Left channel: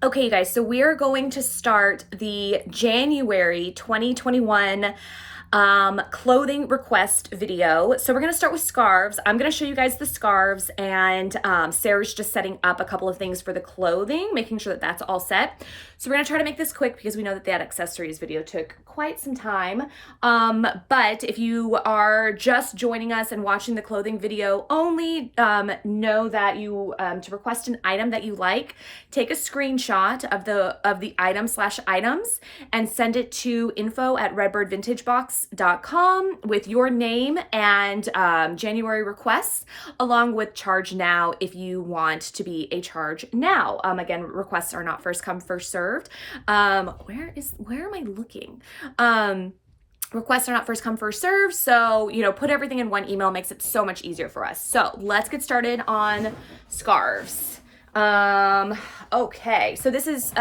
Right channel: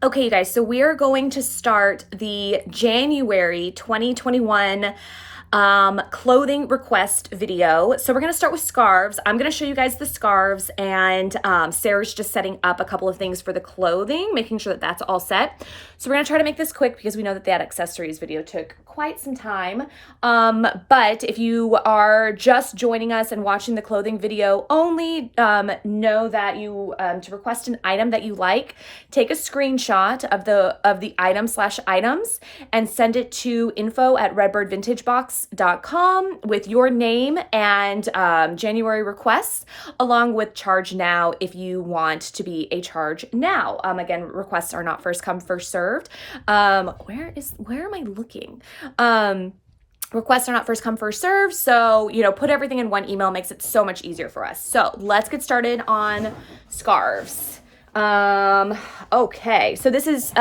Okay, you guys, so we are going to start the January 2021 clothing request video. So we're going to start with scarves. I'm going to show you guys the scarves, and Sarah's just setting up a couple of things for the clothing, making sure that that's all set. So we're going to try to make this quick because we know that that accessories video took quite some time. But if you are just joining us and watching the clothing video only, know that you, to request an item that you like, take a screenshot of the item/items and send it to info@redbirdvintagebox.com with your name and January requests, along with charge now if you want to be a charge now. Again, requests are not first come, first served. Where am I looking? Requests are not first come, first served. So, put everything in one email makes it so much easier for us. So let's get started on scarves. Okay, so this is,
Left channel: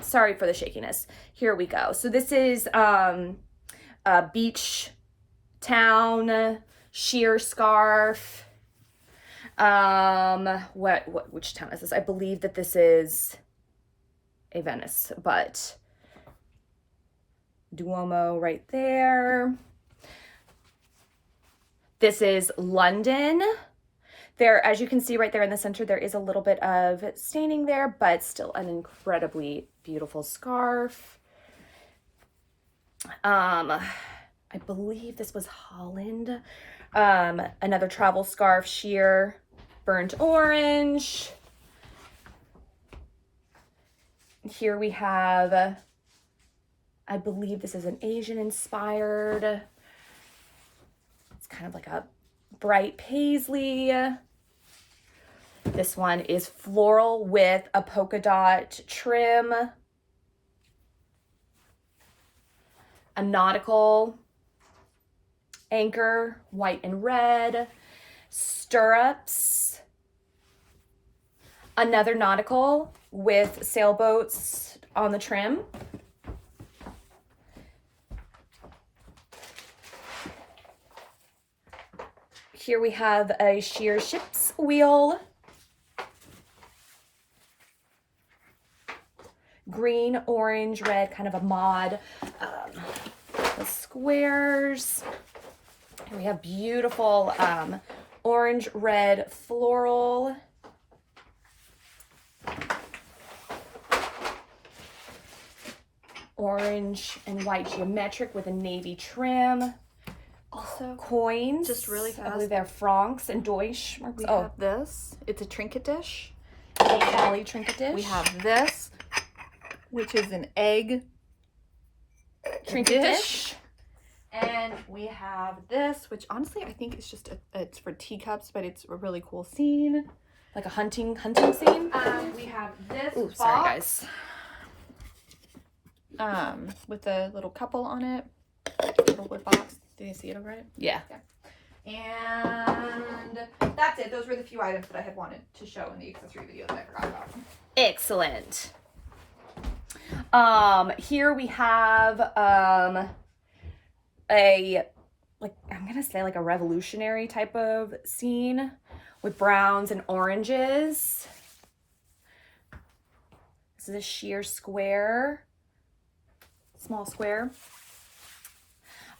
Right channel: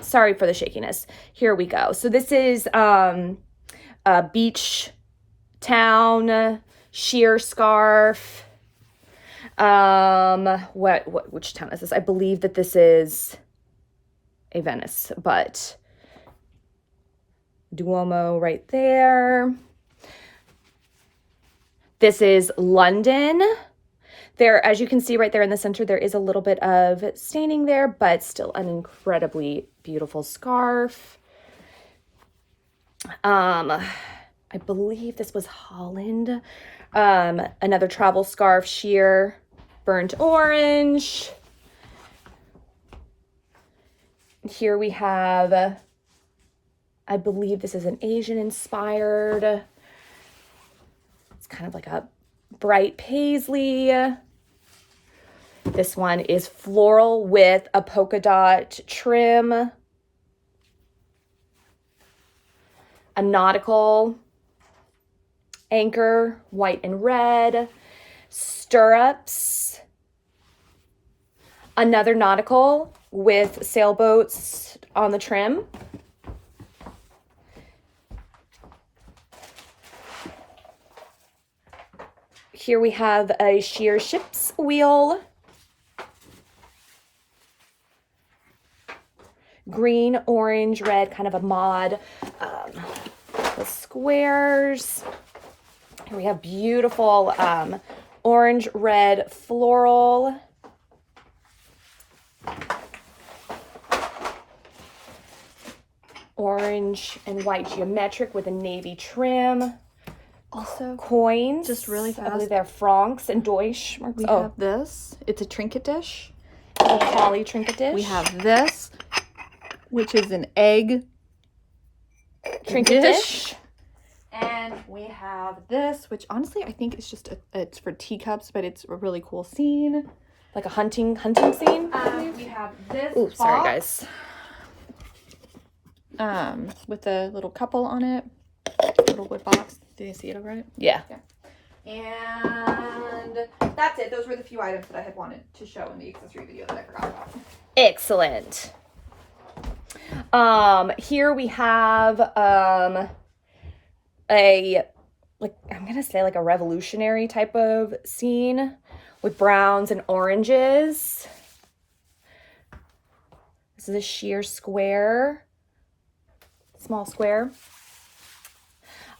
sorry for the shakiness. Here we go. So this is, a beach town sheer scarf. Which town is this? I believe that this is a Venice, but Duomo right there. This is London. There, as you can see right there in the center, there is a little bit of staining there, but still an incredibly beautiful scarf. I believe this was Holland. Another travel scarf, sheer burnt orange. Here we have, I believe this is an Asian inspired. It's kind of like a bright paisley. This one is floral with a polka dot trim. A nautical anchor, white and red. Stirrups. Another nautical with sailboats on the trim. Here we have a sheer ship's wheel. Green, orange, red, kind of a mod. The squares. Here we have beautiful orange, red, floral. Orange and white geometric with a navy trim. Also, coins. just really fast. I believe they're francs and Deutsch. We have this. It's a trinket dish. A poly trinket dish. We have this, which is an egg trinket dish. And we have this, which honestly I think is just it's for teacups, but it's a really cool scene. Like a hunting scene. We have this. Ooh, sorry guys. With a little couple on it. Little wood box. Did you see it over it? Yeah. And that's it. Those were the few items that I had wanted to show in the accessory video that I forgot about. Excellent. Here we have I'm gonna say like a revolutionary type of scene with browns and oranges. This is a sheer square, small square.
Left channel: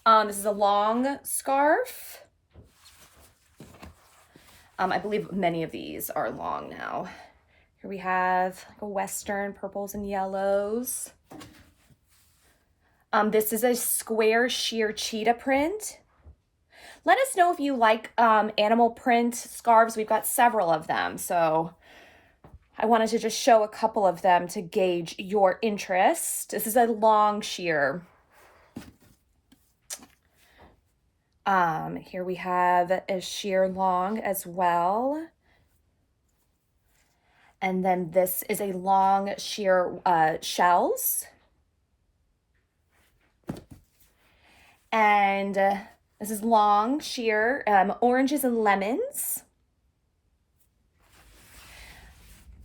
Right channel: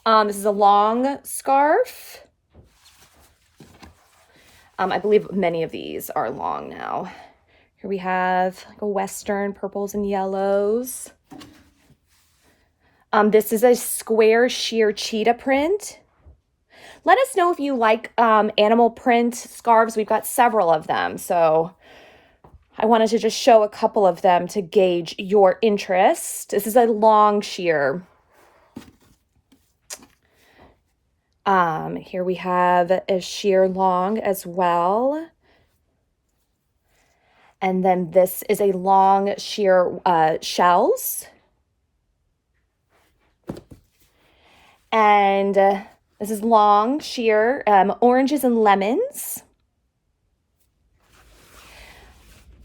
This is a long scarf. I believe many of these are long now. Here we have like a western, purples and yellows. This is a square sheer cheetah print. Let us know if you like animal print scarves. We've got several of them, so I wanted to just show a couple of them to gauge your interest. This is a long sheer. Here we have a sheer long as well. And then this is a long sheer shells. And this is long sheer oranges and lemons.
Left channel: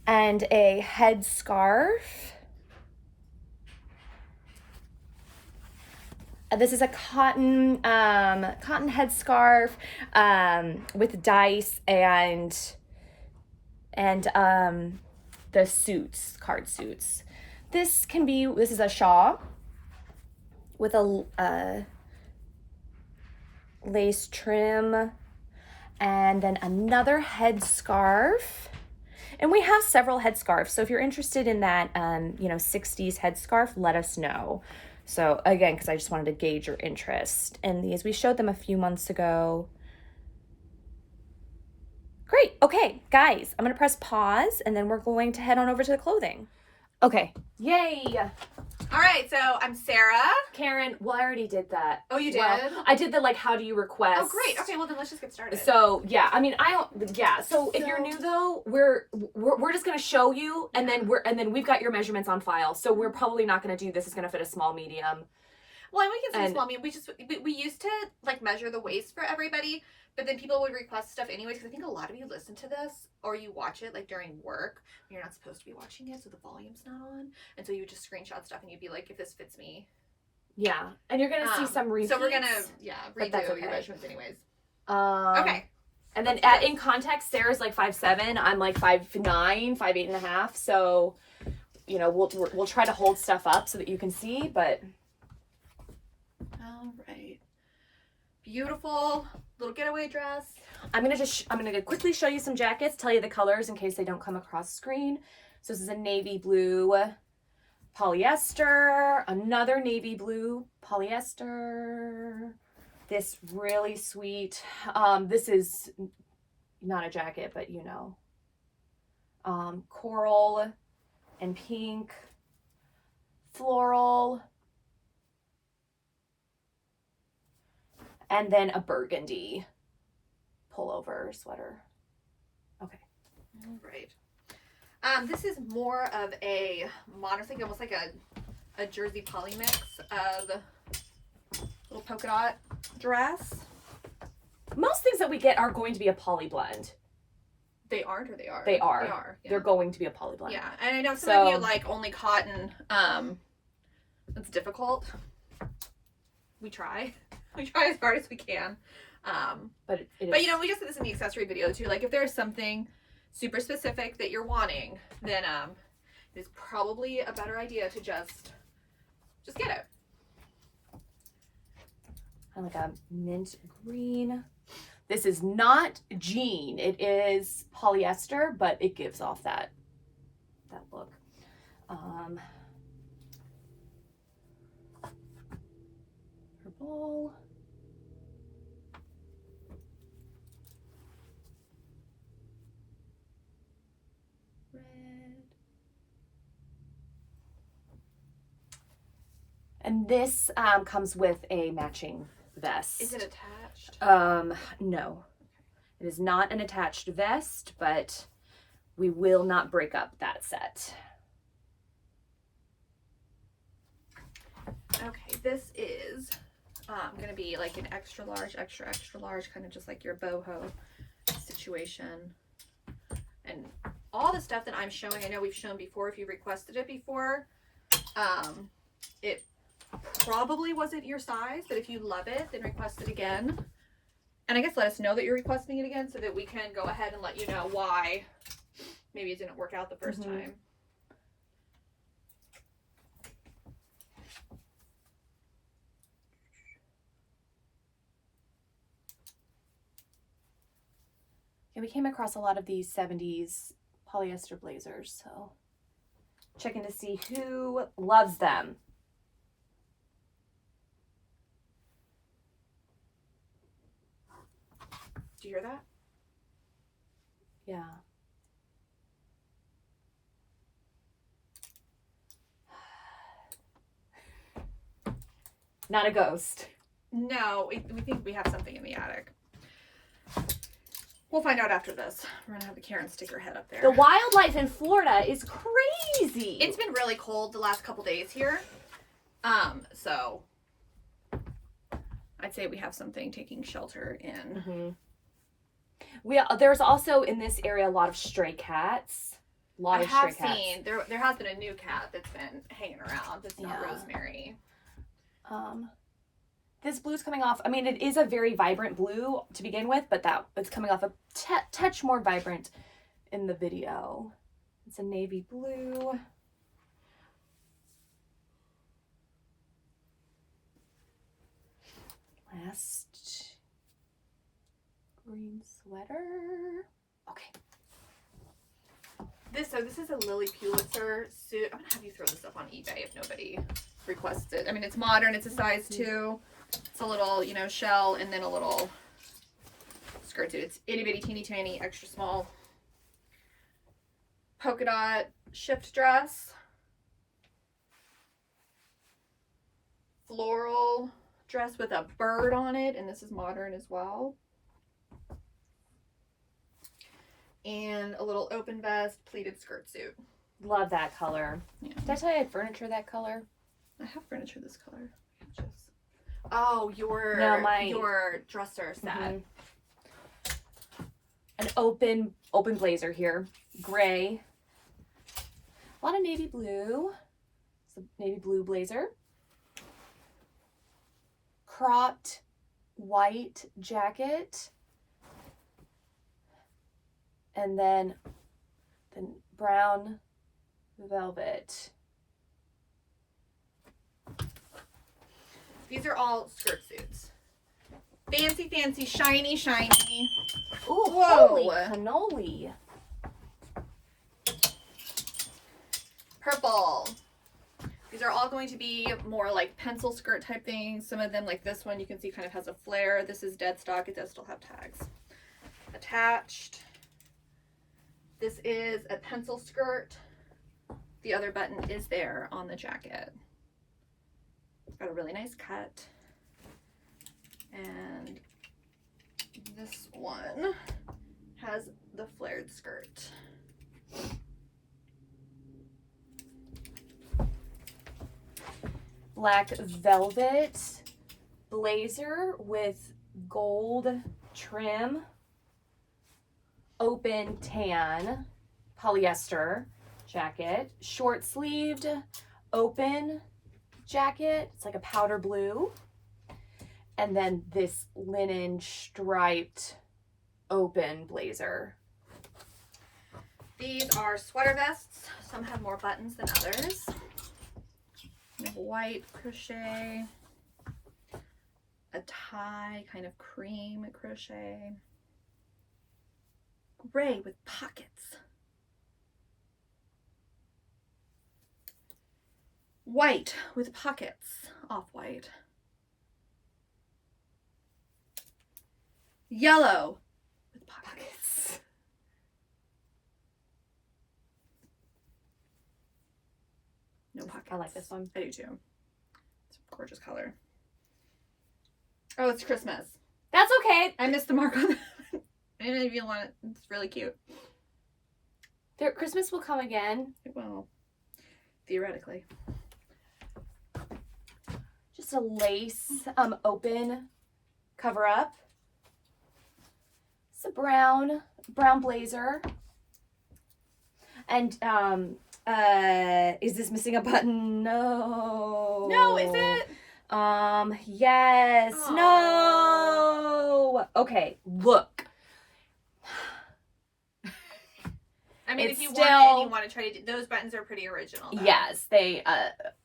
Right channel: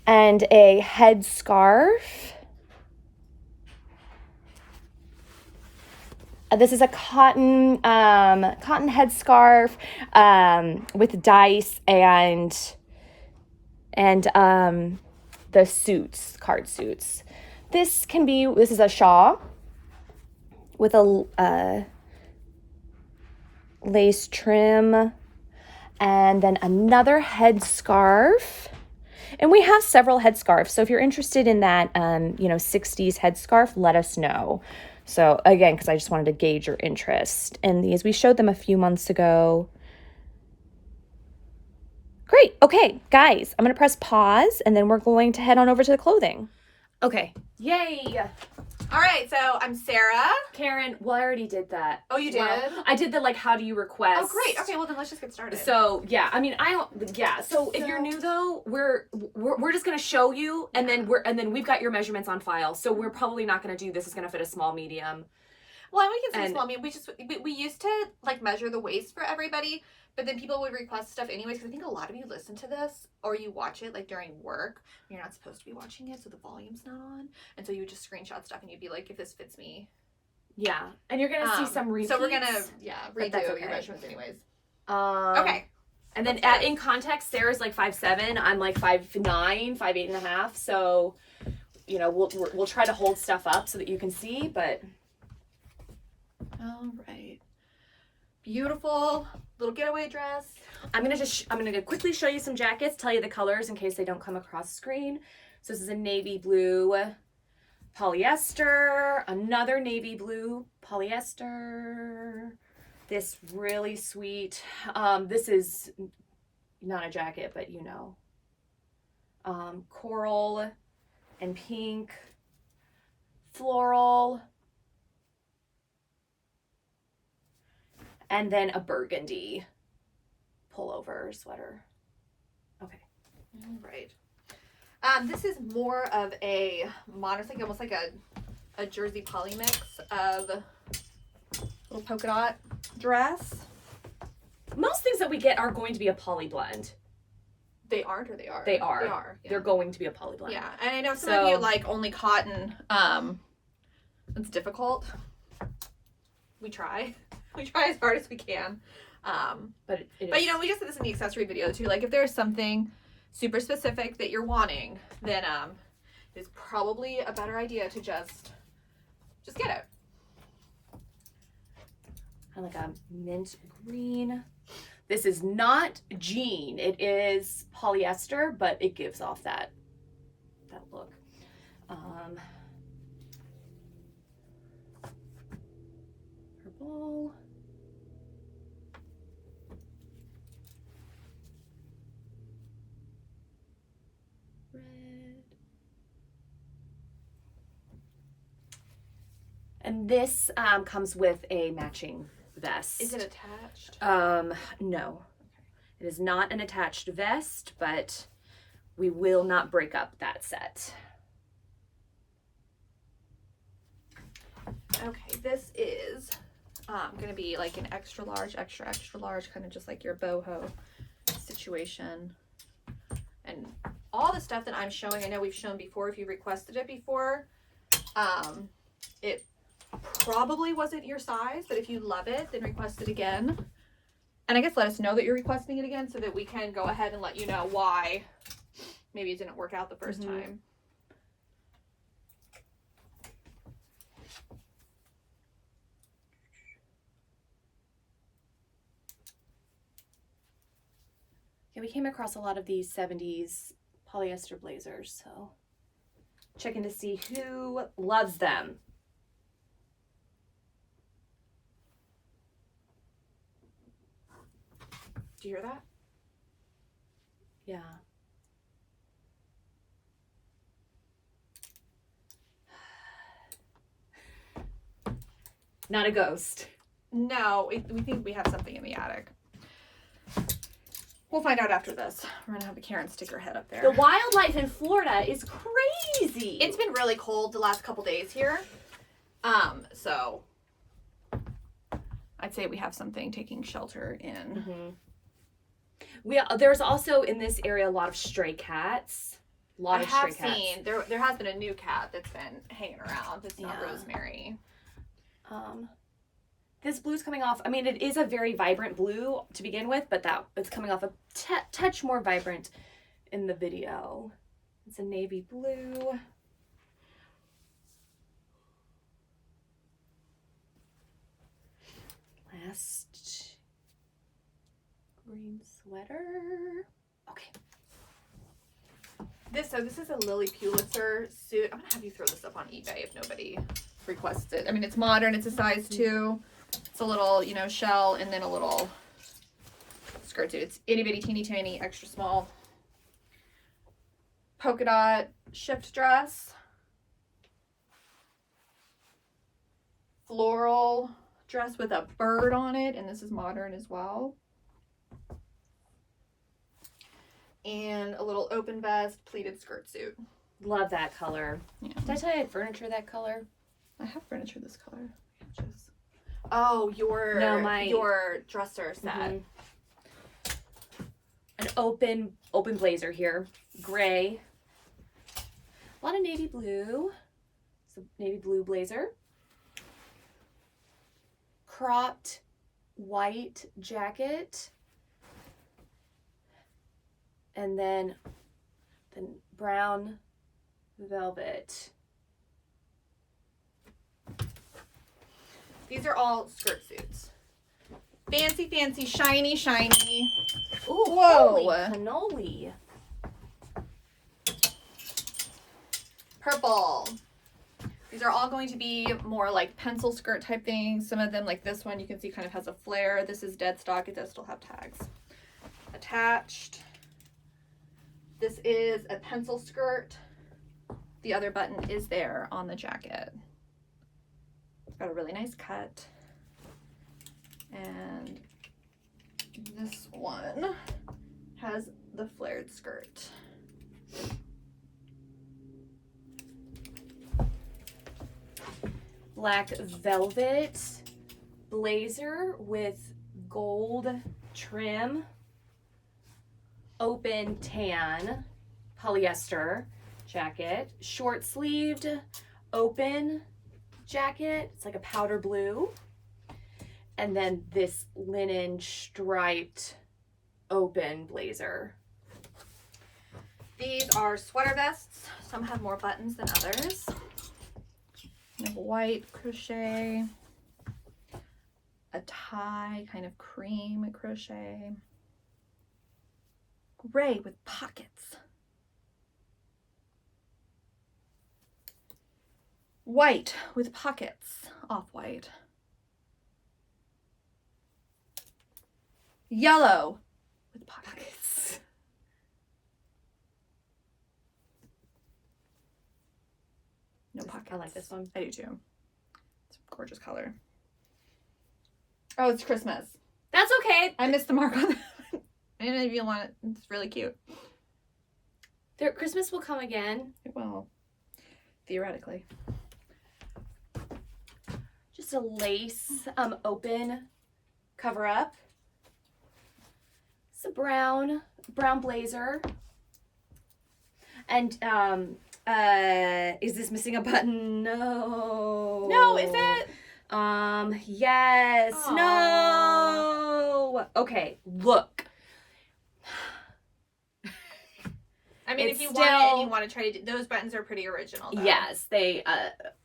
And a head scarf. This is a cotton headscarf with dice and the suits, card suits. This is a shawl with a lace trim, and then another headscarf. And we have several headscarves, so if you're interested in that, 60s headscarf, let us know. So again, because I just wanted to gauge your interest in these. We showed them a few months ago. Great. Okay, guys, I'm going to press pause, and then we're going to head on over to the clothing. Okay. Yay. All right, so I'm Sarah. Karen, well, I already did that. Oh, you did? Well, I did the, how do you request? Oh, great. Okay, well, then let's just get started. So, yeah, I mean, So if you're new, though, we're just going to show you, and then we've got your measurements on file. So we're probably not going to do this. It's going to fit a small, medium. Well, we can say small, medium. We used to, measure the waist for everybody, but then people would request stuff anyways, because I think a lot of you listen to this, or you watch it, during work, when you're not supposed to be watching it, so the volume's not on, and so you would just screenshot stuff, and you'd be like, if this fits me. Yeah, and you're going to see some repeats. So we're going to, redo your measurements anyways. Okay. And then in context, Sarah's 5'7", I'm 5'9", 5'8.5", so, we'll try to hold stuff up so that you can see, but... All right. Beautiful little getaway dress. I'm gonna quickly show you some jackets, tell you the colors in case they don't come across screen. So this is a navy blue polyester, another navy blue polyester, this really sweet, this is not a jacket, but coral and pink, floral, and then a burgundy pullover sweater. Okay. All right. This is more of a modern, almost like a jersey poly mix of little polka dot dress. Most things that we get are going to be a poly blend. They aren't, or they are? They are. They are. Yeah. They're going to be a poly blend. Yeah, and I know some of you like only cotton. It's difficult. We try. We try as hard as we can. But we just did this in the accessory video too. If there's something super specific that you're wanting, then it's probably a better idea to just get it. I like a mint green. This is not jean. It is polyester, but it gives off that look. Purple. Red. And this comes with a matching vest. Is it attached? No. It is not an attached vest, but we will not break up that set. Okay, this is going to be an extra large, kind of just like your boho situation. And all the stuff that I'm showing, I know we've shown before if you requested it before. It probably wasn't your size, but if you love it, then request it again. And I guess let us know that you're requesting it again so that we can go ahead and let you know why maybe it didn't work out the first time. Yeah, we came across a lot of these 70s polyester blazers, so checking to see who loves them. Do you hear that? Yeah. Not a ghost. No, we think we have something in the attic. We'll find out after this. We're gonna have the Karen stick her head up there. The wildlife in Florida is crazy. It's been really cold the last couple days here. So I'd say we have something taking shelter in. There's also in this area a lot of stray cats. I have seen there has been a new cat that's been hanging around. It's not Rosemary. This blue's coming off. I mean, it is a very vibrant blue to begin with, but it's coming off a touch more vibrant in the video. It's a navy blue. Last green sweater. Okay. This is a Lilly Pulitzer suit. I'm gonna have you throw this up on eBay if nobody requests it. I mean, it's modern. It's a size 2. It's a little, you know, shell and then a little skirt suit. It's itty bitty teeny tiny extra small polka dot shift dress, floral dress with a bird on it, and this is modern as well. And a little open vest pleated skirt suit. Love that color. Yeah. Did I tell you I had furniture that color? I have furniture this color. Just... Oh, your dresser set. Mm-hmm. An open blazer here. Gray. A lot of navy blue. It's a navy blue blazer. Cropped white jacket. And then the brown velvet. These are all skirt suits. Fancy, fancy, shiny, shiny. Ooh, whoa. holy cannoli. Purple. These are all going to be more like pencil skirt type things. Some of them, like this one, you can see kind of has a flare. This is dead stock. It does still have tags attached. This is a pencil skirt. The other button is there on the jacket. It's got a really nice cut. And this one has the flared skirt. Black velvet blazer with gold trim. Open tan polyester jacket. Short sleeved open jacket. It's like a powder blue. And then this linen striped open blazer. These are sweater vests. Some have more buttons than others. You have white crochet, a tie, kind of cream crochet, gray with pockets, white with pockets, off-white, yellow with pockets. No pockets. I like this one. I do too. It's a gorgeous color. Oh, it's Christmas. That's okay. I missed the mark on that. I don't know if you want it. It's really cute. Christmas will come again. It will. Theoretically. Just a lace open cover up. It's a brown blazer. And is this missing a button? No. No, is it? Yes. Aww. No. Okay, look. I mean, It's if you still... want it and you want to try to do, those buttons are pretty original, though. Yes, they,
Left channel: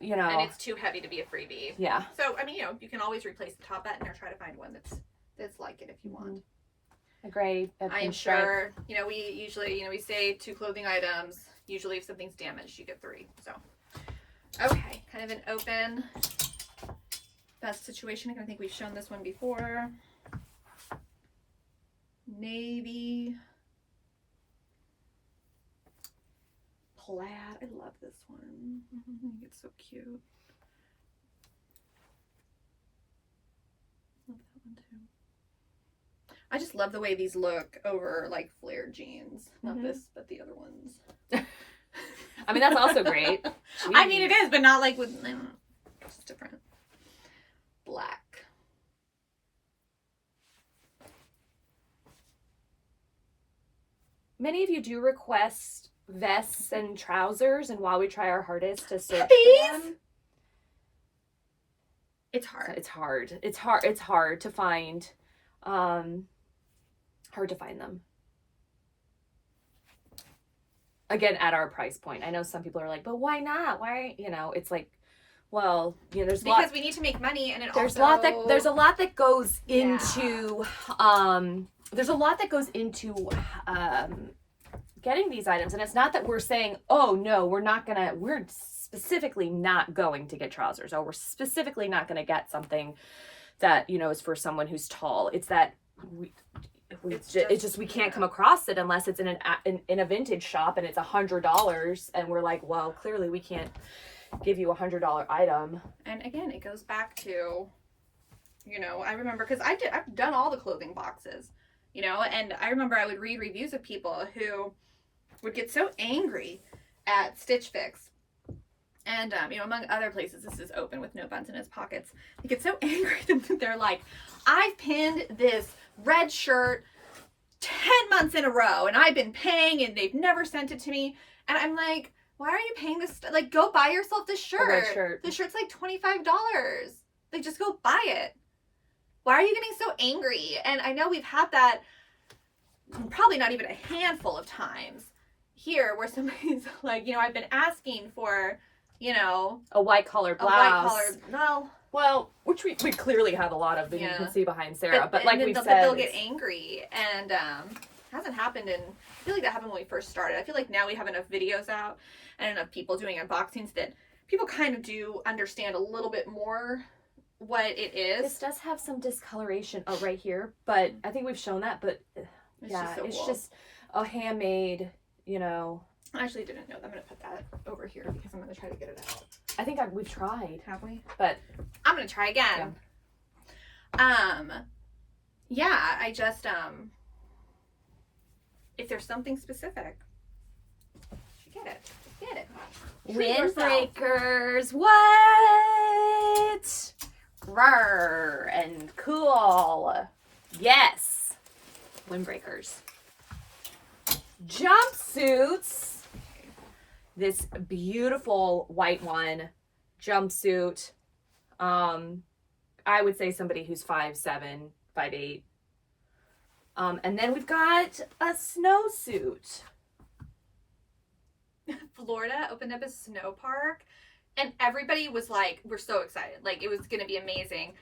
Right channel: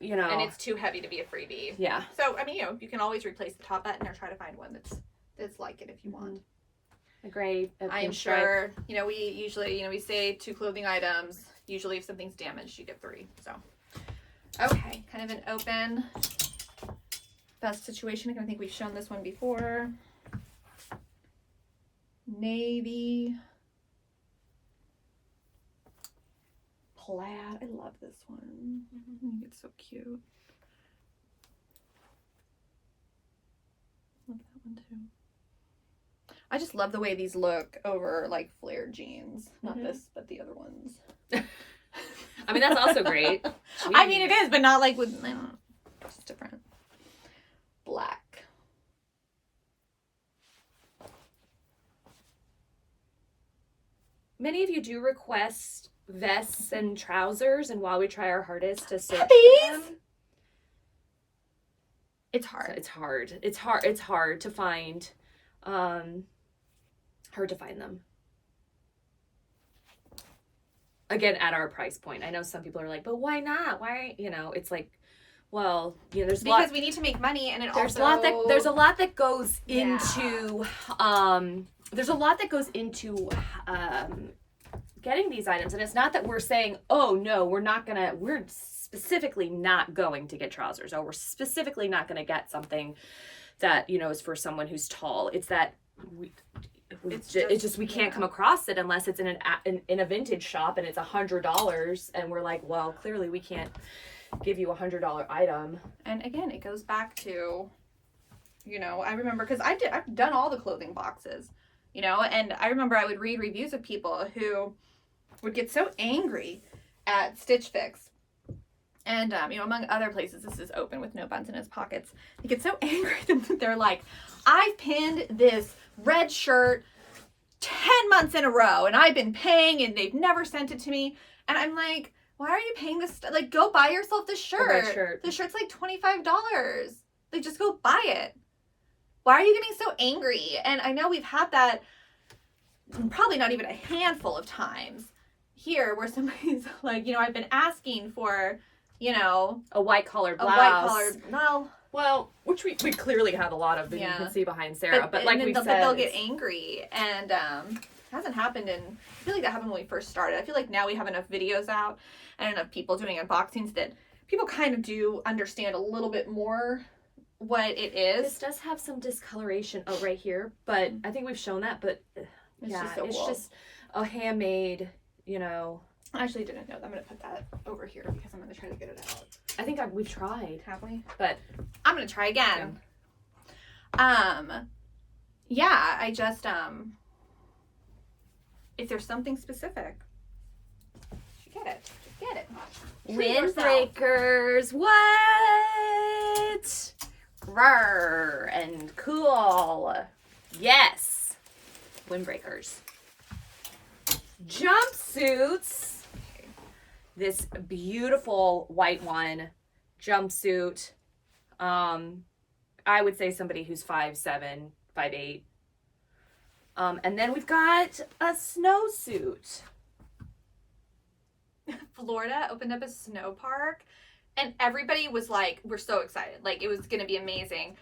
you know. And it's too heavy to be a freebie. Yeah. So, I mean, you know, you can always replace the top button or try to find one that's like it if you want. A gray, I'm sure, you know, we usually, we say 2 clothing items. Usually if something's damaged, you get 3. So, okay. Kind of an open vest situation. I think we've shown this one before. Navy. Plaid. I love this one. It's so cute. Love that one too. I just love the way these look over like flared jeans. Not this, but the other ones. I mean, that's also great. I mean, it is, but not like with, it's just different. Black. Many of you do request vests and trousers, and while we try our hardest to search These? for them, It's hard. it's hard. It's hard to find. Hard to find them. again, at our price point. I know some people are like, but why not? Why, you know, it's like, well, you know, because we need to make money, and there's a lot that goes into there's a lot that goes into getting these items, and it's not that we're saying, oh no, we're specifically not going to get trousers, or we're specifically not going to get something that, you know, is for someone who's tall. It's that we can't come across it unless it's in a vintage shop and it's $100, and we're like, well, clearly we can't give you $100 item. And again, it goes back to, you know, I remember, because I've done all the clothing boxes, you know, and I remember I would read reviews of people who would get so angry at Stitch Fix, and you know, among other places, this is open with no buttons in his pockets. They get so angry that they're like, I've pinned this red shirt 10 months in a row, and I've been paying, and they've never sent it to me. And I'm like, why are you paying this? Like, go buy yourself this shirt. The shirt's like $25. Like, just go buy it. Why are you getting so angry? And I know we've had that probably not even a handful of times here where somebody's like, you know, I've been asking for, you know, a white collared blouse. Well, which we clearly have a lot of that you can see behind Sarah. But like we said, they'll get angry, and hasn't happened in. I feel like that happened when we first started. I feel like now we have enough videos out and enough people doing unboxings that people kind of do understand a little bit more what it is. This does have some discoloration right here, but I think we've shown that. But it's just a handmade, you know. I actually didn't know that. I'm going to put that over here because I'm going to try to get it out. I think we've tried. Have we? But I'm going to try again. Yeah, I just, if there's something specific, you get it. Just get it. Windbreakers. What? Rawr and cool. Yes. Windbreakers. Jumpsuits. This beautiful white one jumpsuit. I would say somebody who's 5'7", 5'8". And then we've got a snowsuit. Florida opened up a snow park, and everybody was like, we're so excited. Like, it was going to be amazing.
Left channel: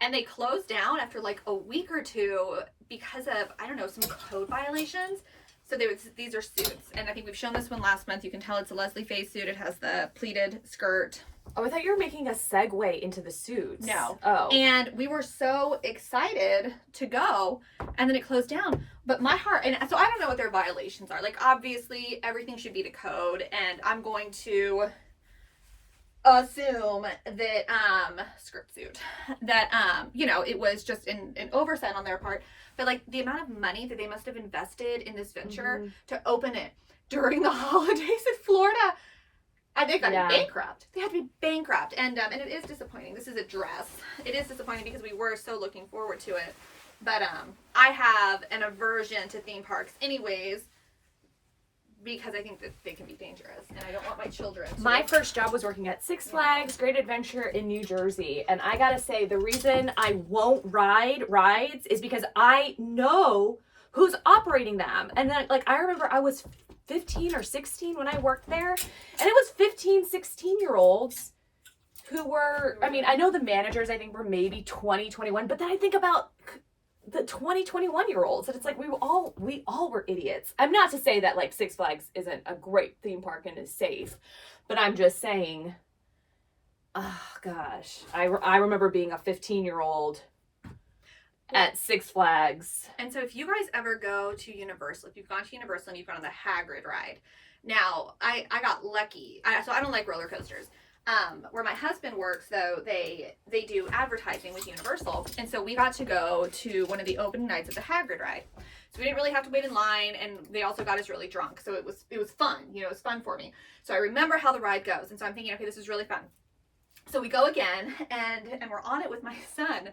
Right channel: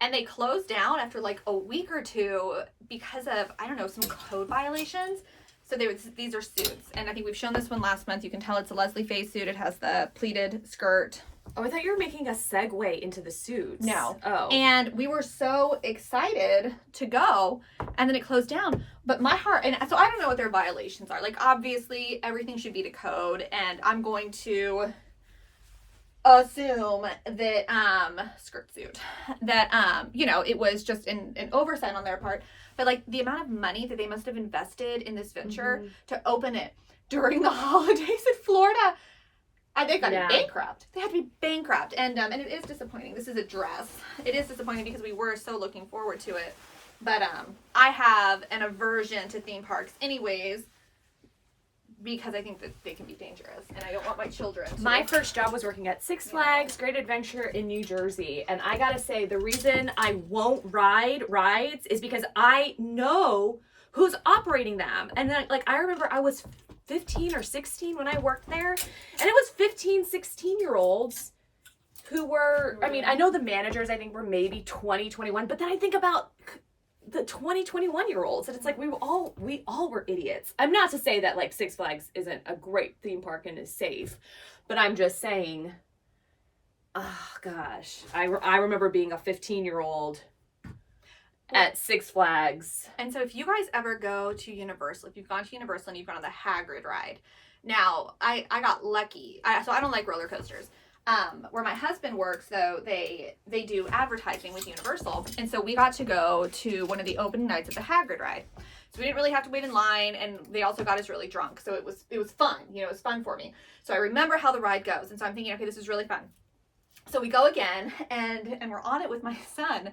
And they closed down after like a week or two because of, I don't know, some code violations. So these are suits, and I think we've shown this one last month. You can tell it's a Leslie Faye suit. It has the pleated skirt. Oh, I thought you were making a segue into the suits. No. Oh. And we were so excited to go, and then it closed down. But my heart, and so I don't know what their violations are. Like, obviously, everything should be to code, and I'm going to assume that, skirt suit, that, you know, it was just an oversight on their part. But, like, the amount of money that they must have invested in this venture to open it during the holidays in Florida, and they got to be bankrupt. They had to be bankrupt. And it is disappointing. This is a dress. It is disappointing because we were so looking forward to it. But I have an aversion to theme parks anyways, because I think that they can be dangerous, and I don't want my children to. My first job was working at Six Flags Great Adventure in New Jersey, and I gotta say, the reason I won't ride rides is because I know who's operating them. And then, like, I remember I was 15 or 16 when I worked there, and it was 15, 16-year-olds who were, I mean, I know the managers, I think, were maybe 20, 21, but then I think about the 20, 21-year-olds, and it's like we all were idiots. I'm not to say that, like, Six Flags isn't a great theme park and is safe, but I'm just saying, oh gosh, I remember being a 15-year-old at Six Flags. And so if you guys ever go to Universal, if you've gone to Universal and you've gone on the Hagrid ride, now I got lucky. So I don't like roller coasters. Where my husband works, though, they do advertising with Universal, and so we got to go to one of the opening nights of the Hagrid ride. So we didn't really have to wait in line, and they also got us really drunk, so it was fun. You know, it was fun for me. So I remember how the ride goes, and so I'm thinking, okay, this is really fun. So we go again, and we're on it with my son,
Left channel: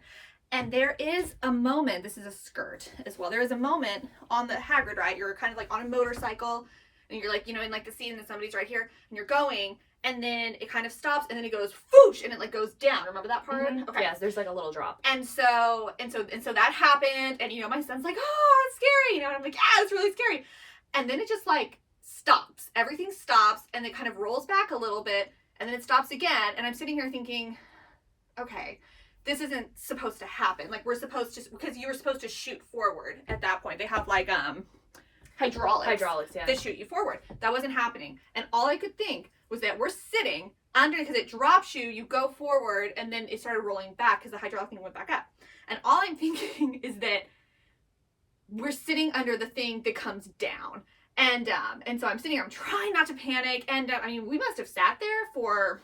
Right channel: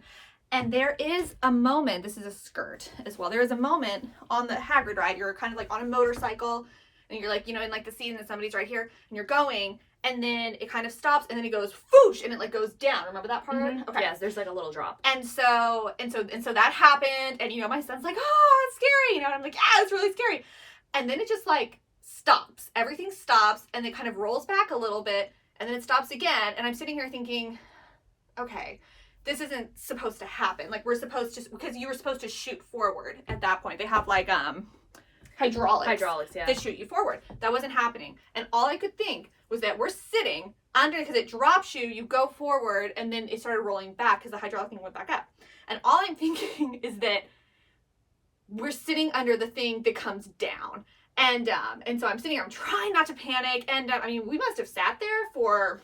and there is a moment. This is a skirt as well. There is a moment on the Hagrid ride. You're kind of like on a motorcycle, and you're like, you know, in like the scene, and somebody's right here, and you're going. And then it kind of stops, and then it goes whoosh, and it like goes down. Remember that part? Mm-hmm. Okay. Yes, there's like a little drop. And so that happened, and you know, my son's like, "Oh, that's scary," you know, and I'm like, "Yeah, it's really scary." And then it just like stops. Everything stops, and it kind of rolls back a little bit, and then it stops again. And I'm sitting here thinking, okay, this isn't supposed to happen. Like, we're supposed to, because you were supposed to shoot forward at that point. They have like hydraulics yeah, that shoot you forward. That wasn't happening. And all I could think was that we're sitting under, because it drops you, you go forward, and then it started rolling back because the hydraulic thing went back up. And all I'm thinking is that we're sitting under the thing that comes down. And so I'm sitting here, I'm trying not to panic. And I mean, we must have sat there for,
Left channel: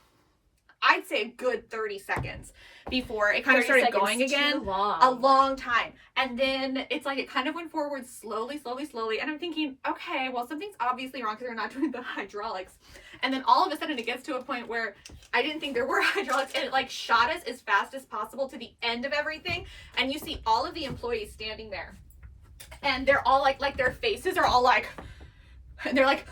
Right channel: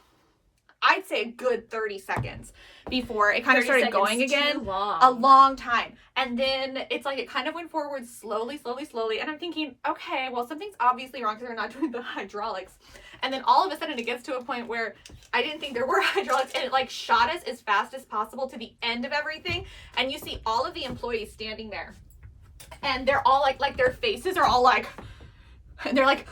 I'd say, a good 30 seconds before it kind of started going again. A long time. And then it's like it kind of went forward slowly. And I'm thinking, okay, well, something's obviously wrong because they're not doing the hydraulics. And then all of a sudden it gets to a point where I didn't think there were hydraulics, and it like shot us as fast as possible to the end of everything. And you see all of the employees standing there, and they're all like their faces are all like, and they're like,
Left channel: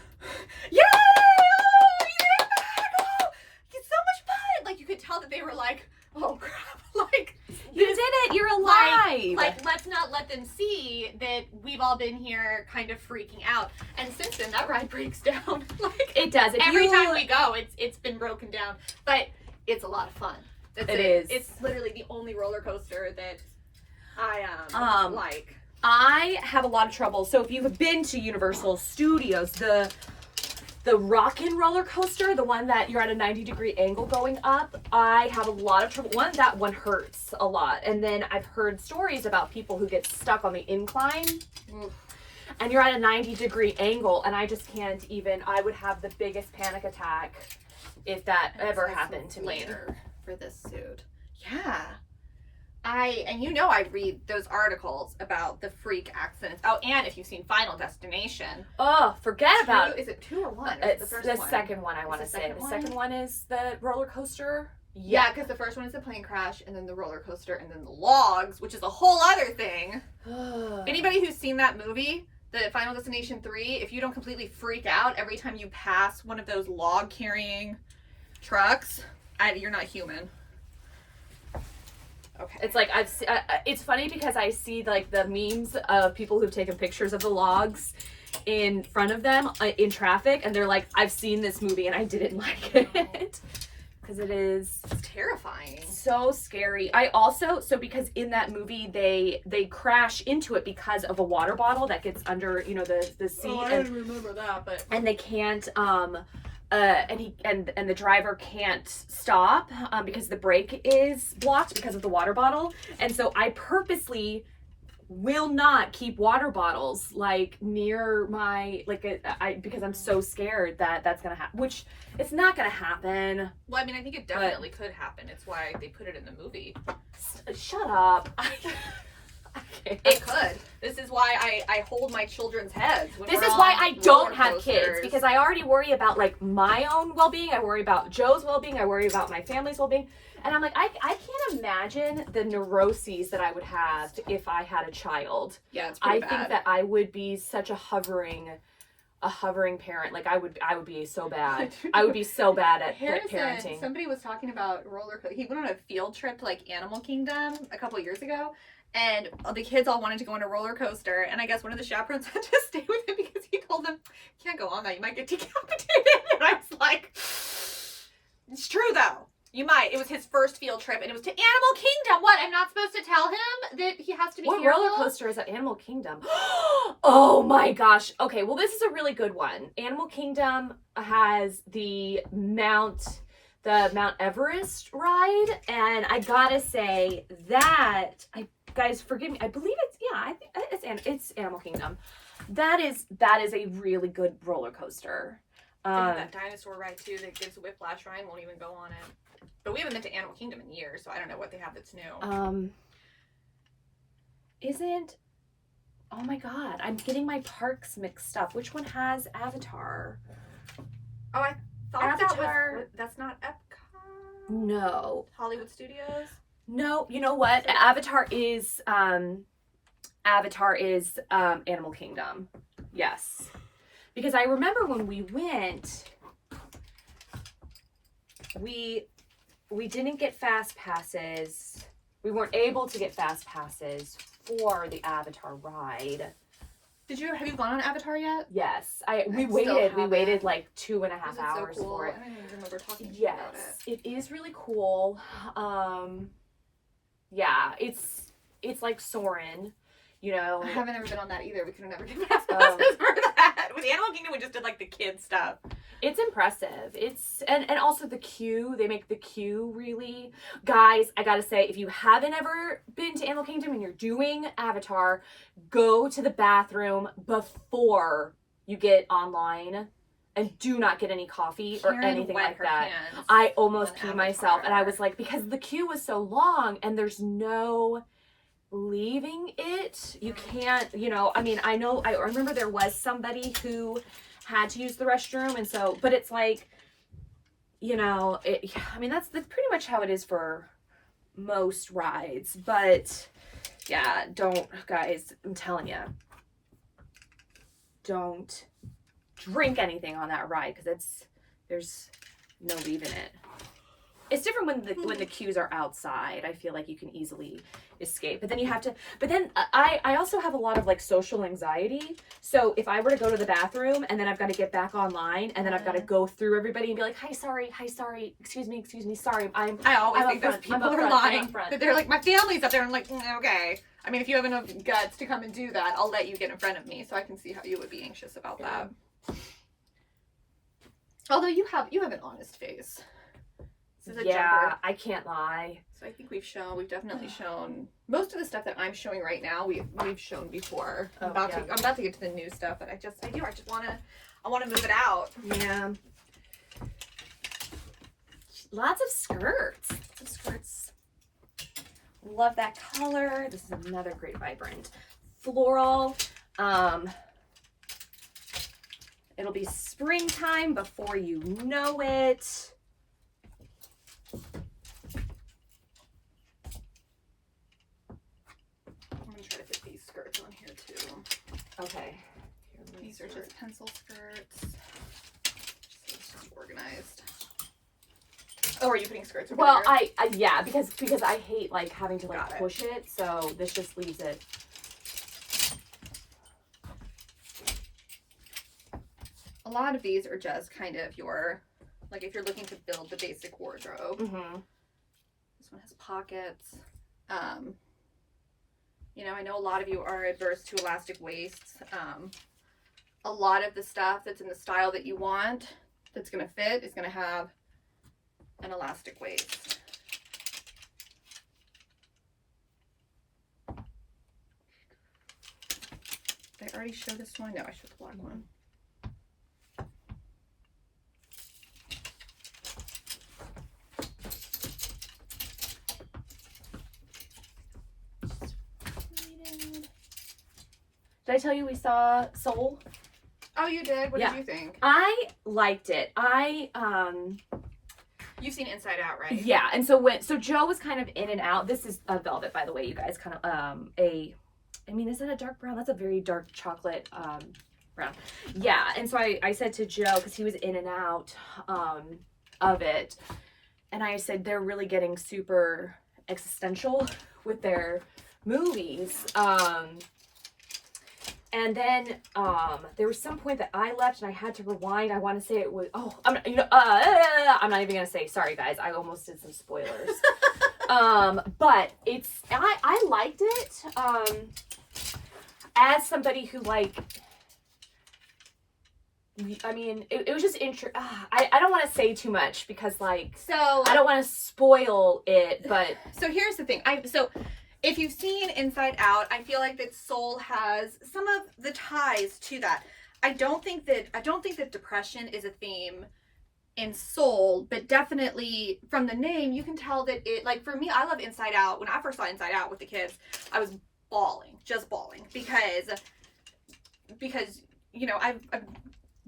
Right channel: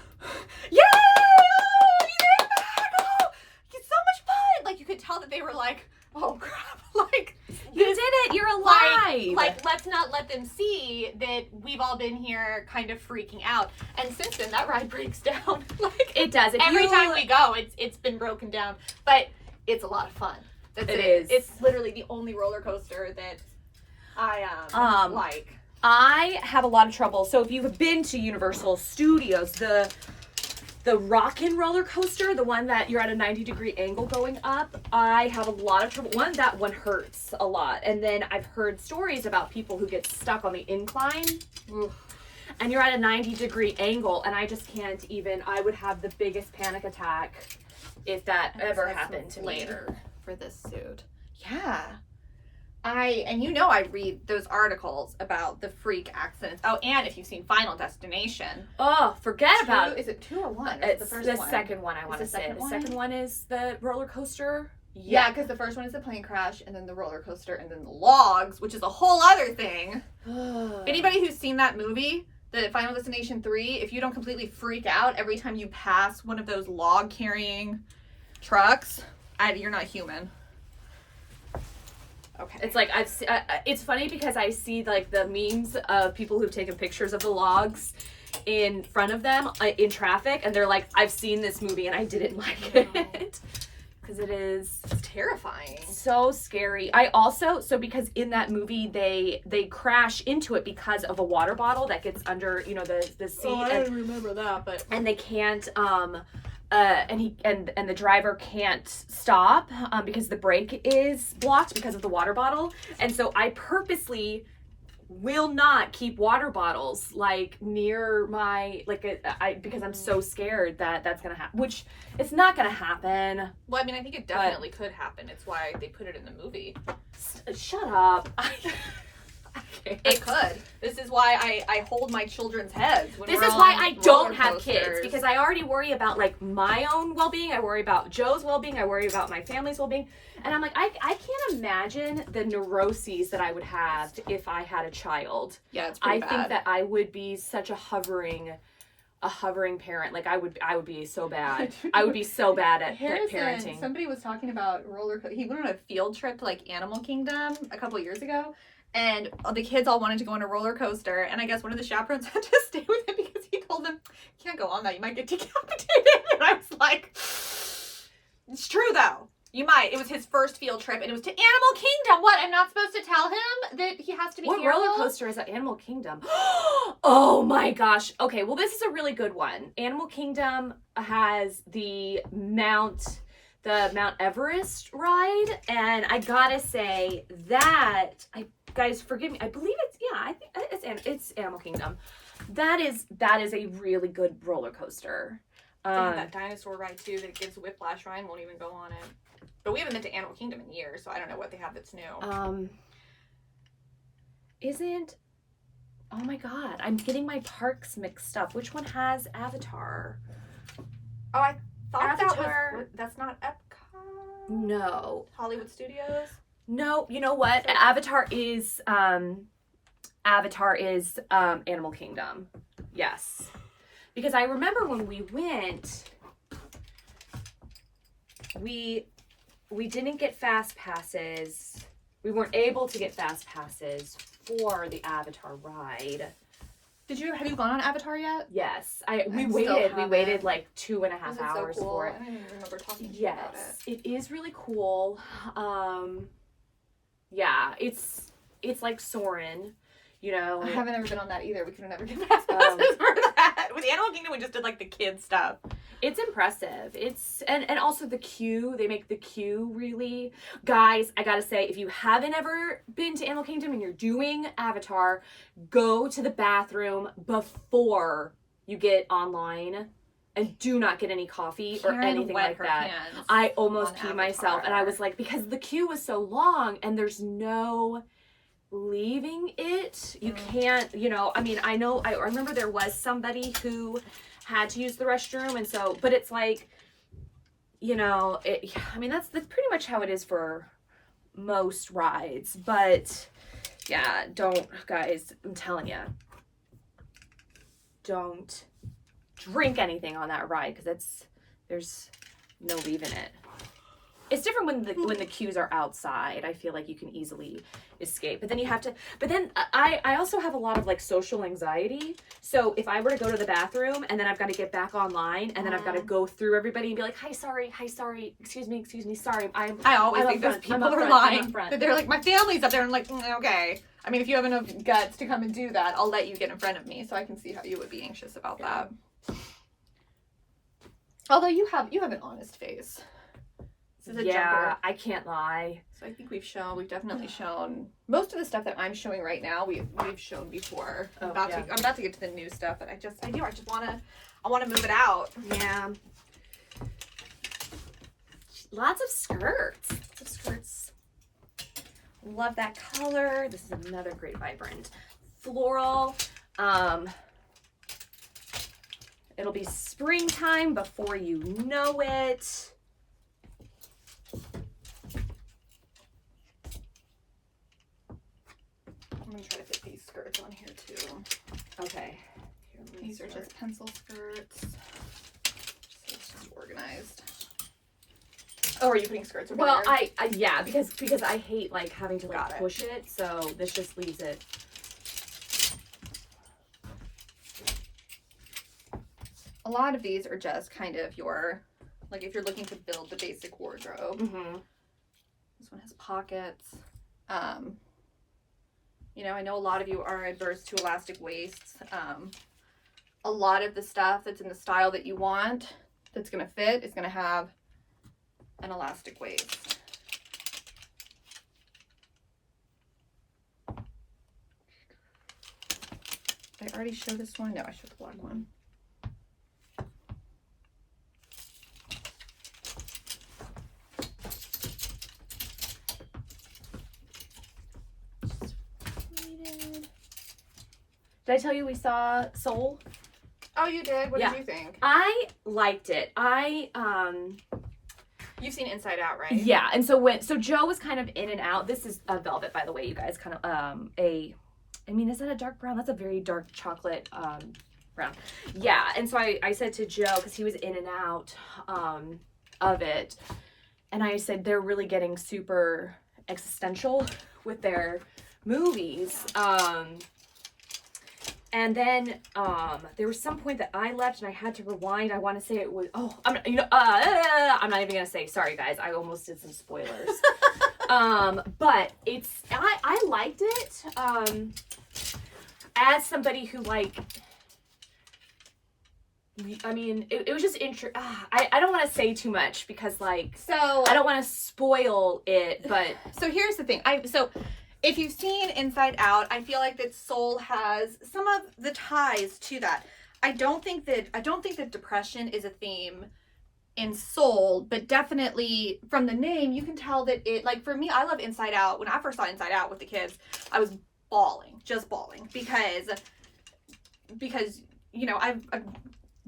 yay! Oh, you're back! Oh, it's so much fun! Like, you could tell that they were like, oh crap, like, you did it, you're alive! Like, let's not let them see that we've all been here kind of freaking out. And since then, that ride breaks down. Like, it does. Every time we go, it's been broken down. But it's a lot of fun. It is. It's literally the only roller coaster that I like. I have a lot of trouble. So if you've been to Universal Studios, the Rockin' roller coaster, the one that you're at a 90-degree angle going up, I have a lot of trouble. That one hurts a lot. And then I've heard stories about people who get stuck on the incline. Oof. And you're at a 90-degree angle, and I just can't even, I would have the biggest panic attack if that ever happened to me. For this suit. Yeah. I read those articles about the freak accidents. Oh, and if you've seen Final Destination. Oh, forget about it. Is it 2 or 1? It's the second one, I want to say. The second one is the roller coaster. Yeah, because the first one is the plane crash, and then the roller coaster, and then the logs, which is a whole other thing. Anybody who's seen that movie, the Final Destination 3, if you don't completely freak out every time you pass one of those log-carrying trucks, you're not human. Okay. It's like it's funny because I see like the memes of people who've taken pictures of the logs in front of them in traffic, and they're like, I've seen this movie and I didn't like it because it's terrifying, so scary. I also, because in that movie they crash into it because of a water bottle that gets under the seat. Oh, I don't remember that, but and they can't and the driver can't stop because the brake is blocked because of the water bottle. And so I purposely will not keep water bottles like near my because I'm so scared that that's gonna happen, which it's not gonna happen. Well, I mean, I think it definitely could happen. It's why they put it in the movie. Shut up. It could. This is why I hold my children's heads. This is why I don't have kids, because I already worry about like my own well-being. I worry about Joe's well-being. I worry about my family's well-being. And I'm like, I can't imagine the neuroses that I would have if I had a child. Yeah, it's pretty bad. I think that I would be such a hovering parent. Like I would be so bad. I would be so bad at parenting. Somebody was talking about he went on a field trip to like Animal Kingdom a couple of years ago. And the kids all wanted to go on a roller coaster, and I guess one of the chaperones had to stay with him because he told them, "You can't go on that, you might get decapitated." And I was like, "It's true though, you might." It was his first field trip, and it was to Animal Kingdom. What? I'm not supposed to tell him that he has to be careful? What roller coaster is at Animal Kingdom? Oh my gosh. Okay, well this is a really good one. Animal Kingdom has the Mount Everest ride, and I gotta say that guys, forgive me. I believe it's Animal Kingdom. That is a really good roller coaster. That dinosaur ride too that gives whiplash. Ryan won't even go on it. But we haven't been to Animal Kingdom in years, so I don't know what they have that's new. Oh my god, I'm getting my parks mixed up. Which one has Avatar? Oh, I thought Avatar. That's not Epcot. No. Hollywood Studios. No, you know what? Avatar is Animal Kingdom. Yes. Because I remember when we went, we didn't get fast passes. We weren't able to get fast passes for the Avatar ride. Have you gone on Avatar yet? Yes. We waited like 2.5 hours so cool? for it. I don't even remember talking to you about it. It is really cool. Yeah, it's like Soarin', you know. I haven't ever been on that either. We could have never given passes for that. With the Animal Kingdom, we just did like the kid stuff. It's impressive. And also the queue, they make the queue really. Guys, I gotta say, if you haven't ever been to Animal Kingdom and you're doing Avatar, go to the bathroom before you get online. And do not get any coffee or anything like that. I almost peed myself. And I was like, because the queue was so long and there's no leaving it. You can't, you know, I mean, I remember there was somebody who had to use the restroom, and so, but it's like, you know, I mean, that's pretty much how it is for most rides. But yeah, guys, I'm telling you, don't drink anything on that ride, because there's no leaving it. It's different when the queues are outside. I feel like you can easily escape, but then I also have a lot of like social anxiety. So if I were to go to the bathroom and then I've got to get back online and then I've got to go through everybody and be like, hi, sorry, excuse me, sorry. I always think those people are lying. That they're like, my family's up there. I'm like, okay. I mean, if you have enough guts to come and do that, I'll let you get in front of me, so I can see how you would be anxious about that. Although you have an honest face. Yeah, I can't lie. So I think we've definitely shown most of the stuff that I'm showing right now. We've shown before. I'm about to get to the new stuff, but I just want to move it out. Yeah. Lots of skirts. Love that color. This is another great vibrant floral. It'll be springtime before you know it. I'm going to try to fit these skirts on here too. Okay. These are just pencil skirts. So it's just organized. Oh, are you putting skirts over Well, there? yeah, because I hate like having to like push it, so this just leaves it. A lot of these are just kind of your, like if you're looking to build the basic wardrobe. Mm-hmm. This one has pockets. You know, I know a lot of you are adverse to elastic waists. A lot of the stuff that's in the style that you want, that's going to fit, is going to have an elastic waist. Did I already show this one? No, I showed the black one. Did I tell you we saw Soul? Oh, you did? What did you think? I liked it. You've seen Inside Out, right? Yeah, and so Joe was kind of in and out. This is a velvet, by the way, you guys. Kind of I mean, is that a dark brown? That's a very dark chocolate brown. Yeah, and so I said to Joe, because he was in and out of it, and I said they're really getting super existential with their movies. And then there was some point that I left and I had to rewind. I want to say it was I'm not even gonna say. Sorry guys, I almost did some spoilers. But I liked it. As somebody who I mean, it was just I don't want to say too much because I don't want to spoil it. But so here's the thing. If you've seen Inside Out, I feel like that Soul has some of the ties to that. I don't think that depression is a theme in Soul, but definitely from the name, you can tell that it, like for me, I love Inside Out. When I first saw Inside Out with the kids, I was just bawling because you know, I've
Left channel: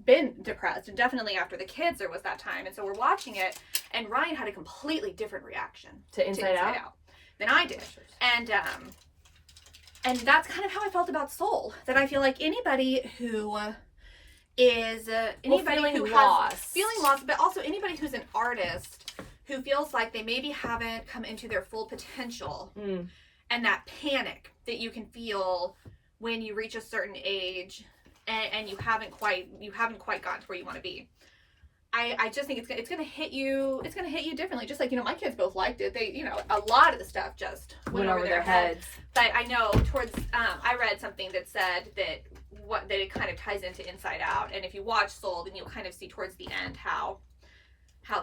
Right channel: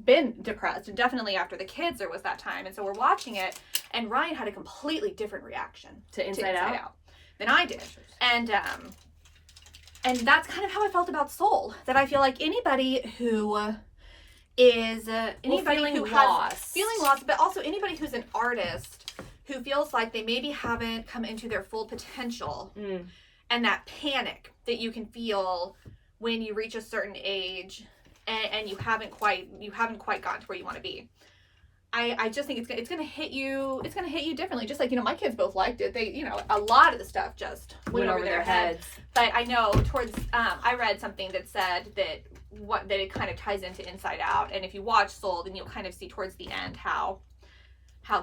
been depressed, and definitely after the kids there was that time, and so we're watching it, and Ryan had a completely different reaction to Inside Out than I did. And that's kind of how I felt about Soul. That I feel like anybody who is feeling lost, but also anybody who's an artist who feels like they maybe haven't come into their full potential, and that panic that you can feel when you reach a certain age and you haven't quite gotten to where you want to be. I just think it's gonna hit you differently. Just like, my kids both liked it. They, a lot of the stuff just went over their heads. But I know towards I read something that said that it kind of ties into Inside Out, and if you watch Soul, then you'll kind of see towards the end how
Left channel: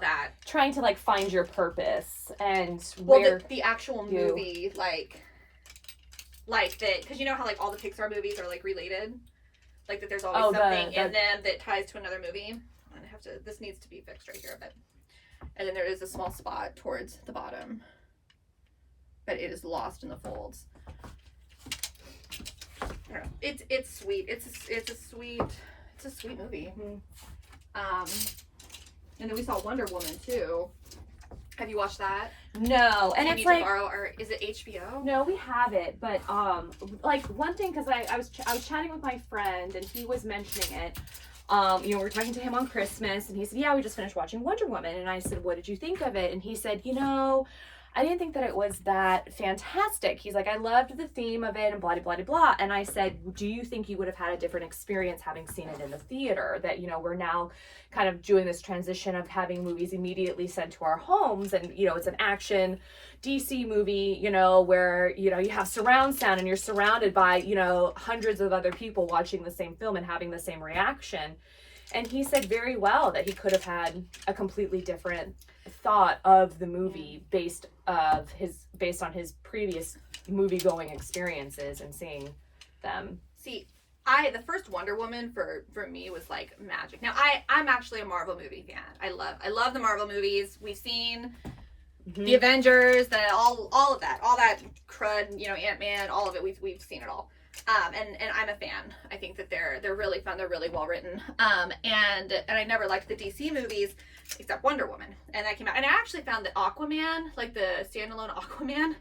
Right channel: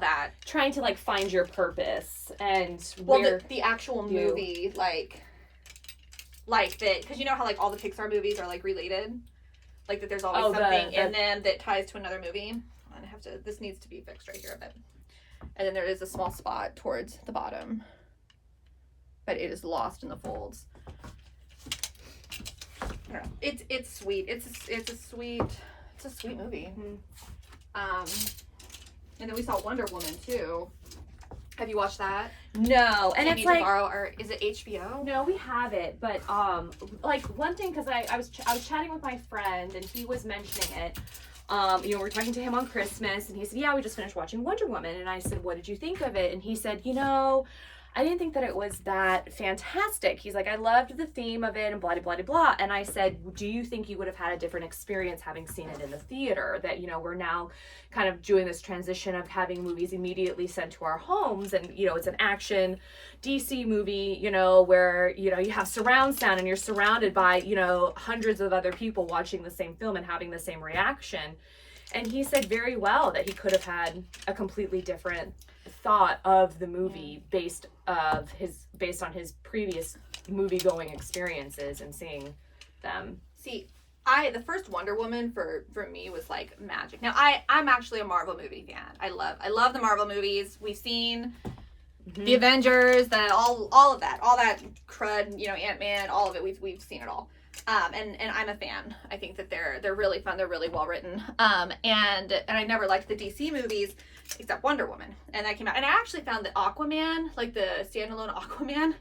that trying to like find your purpose and where the actual movie like that, because how like all the Pixar movies are like related, like that there's always something in them that ties to another movie. This needs to be fixed right here a bit. And then there is a small spot towards the bottom, but it is lost in the folds. It's sweet. It's a sweet movie. Mm-hmm. And then we saw Wonder Woman too. Have you watched that? No, and it's like, is it HBO? No, we have it, but like one thing, because I was chatting with my friend and he was mentioning it. We were talking to him on Christmas, and he said, yeah, we just finished watching Wonder Woman. And I said, what did you think of it? And he said, I didn't think that it was that fantastic. He's like, I loved the theme of it and blah, blah, blah, blah. And I said, do you think you would have had a different experience having seen it in the theater? That, we're now kind of doing this transition of having movies immediately sent to our homes. And, it's an action DC movie, where, you have surround sound and you're surrounded by, hundreds of other people watching the same film and having the same reaction. And he said very well that he could have had a completely different thought of the movie based on his previous movie going experiences and seeing them. See, the first Wonder Woman for me was like magic. Now I'm actually a Marvel movie fan. I love the Marvel movies. We've seen the Avengers, all of that crud, Ant-Man, all of it. We've seen it all. And I'm a fan. I think that they're really fun. They're really well written. And I never liked the DC movies except Wonder Woman. And that came out. And I actually found that Aquaman, like the standalone Aquaman,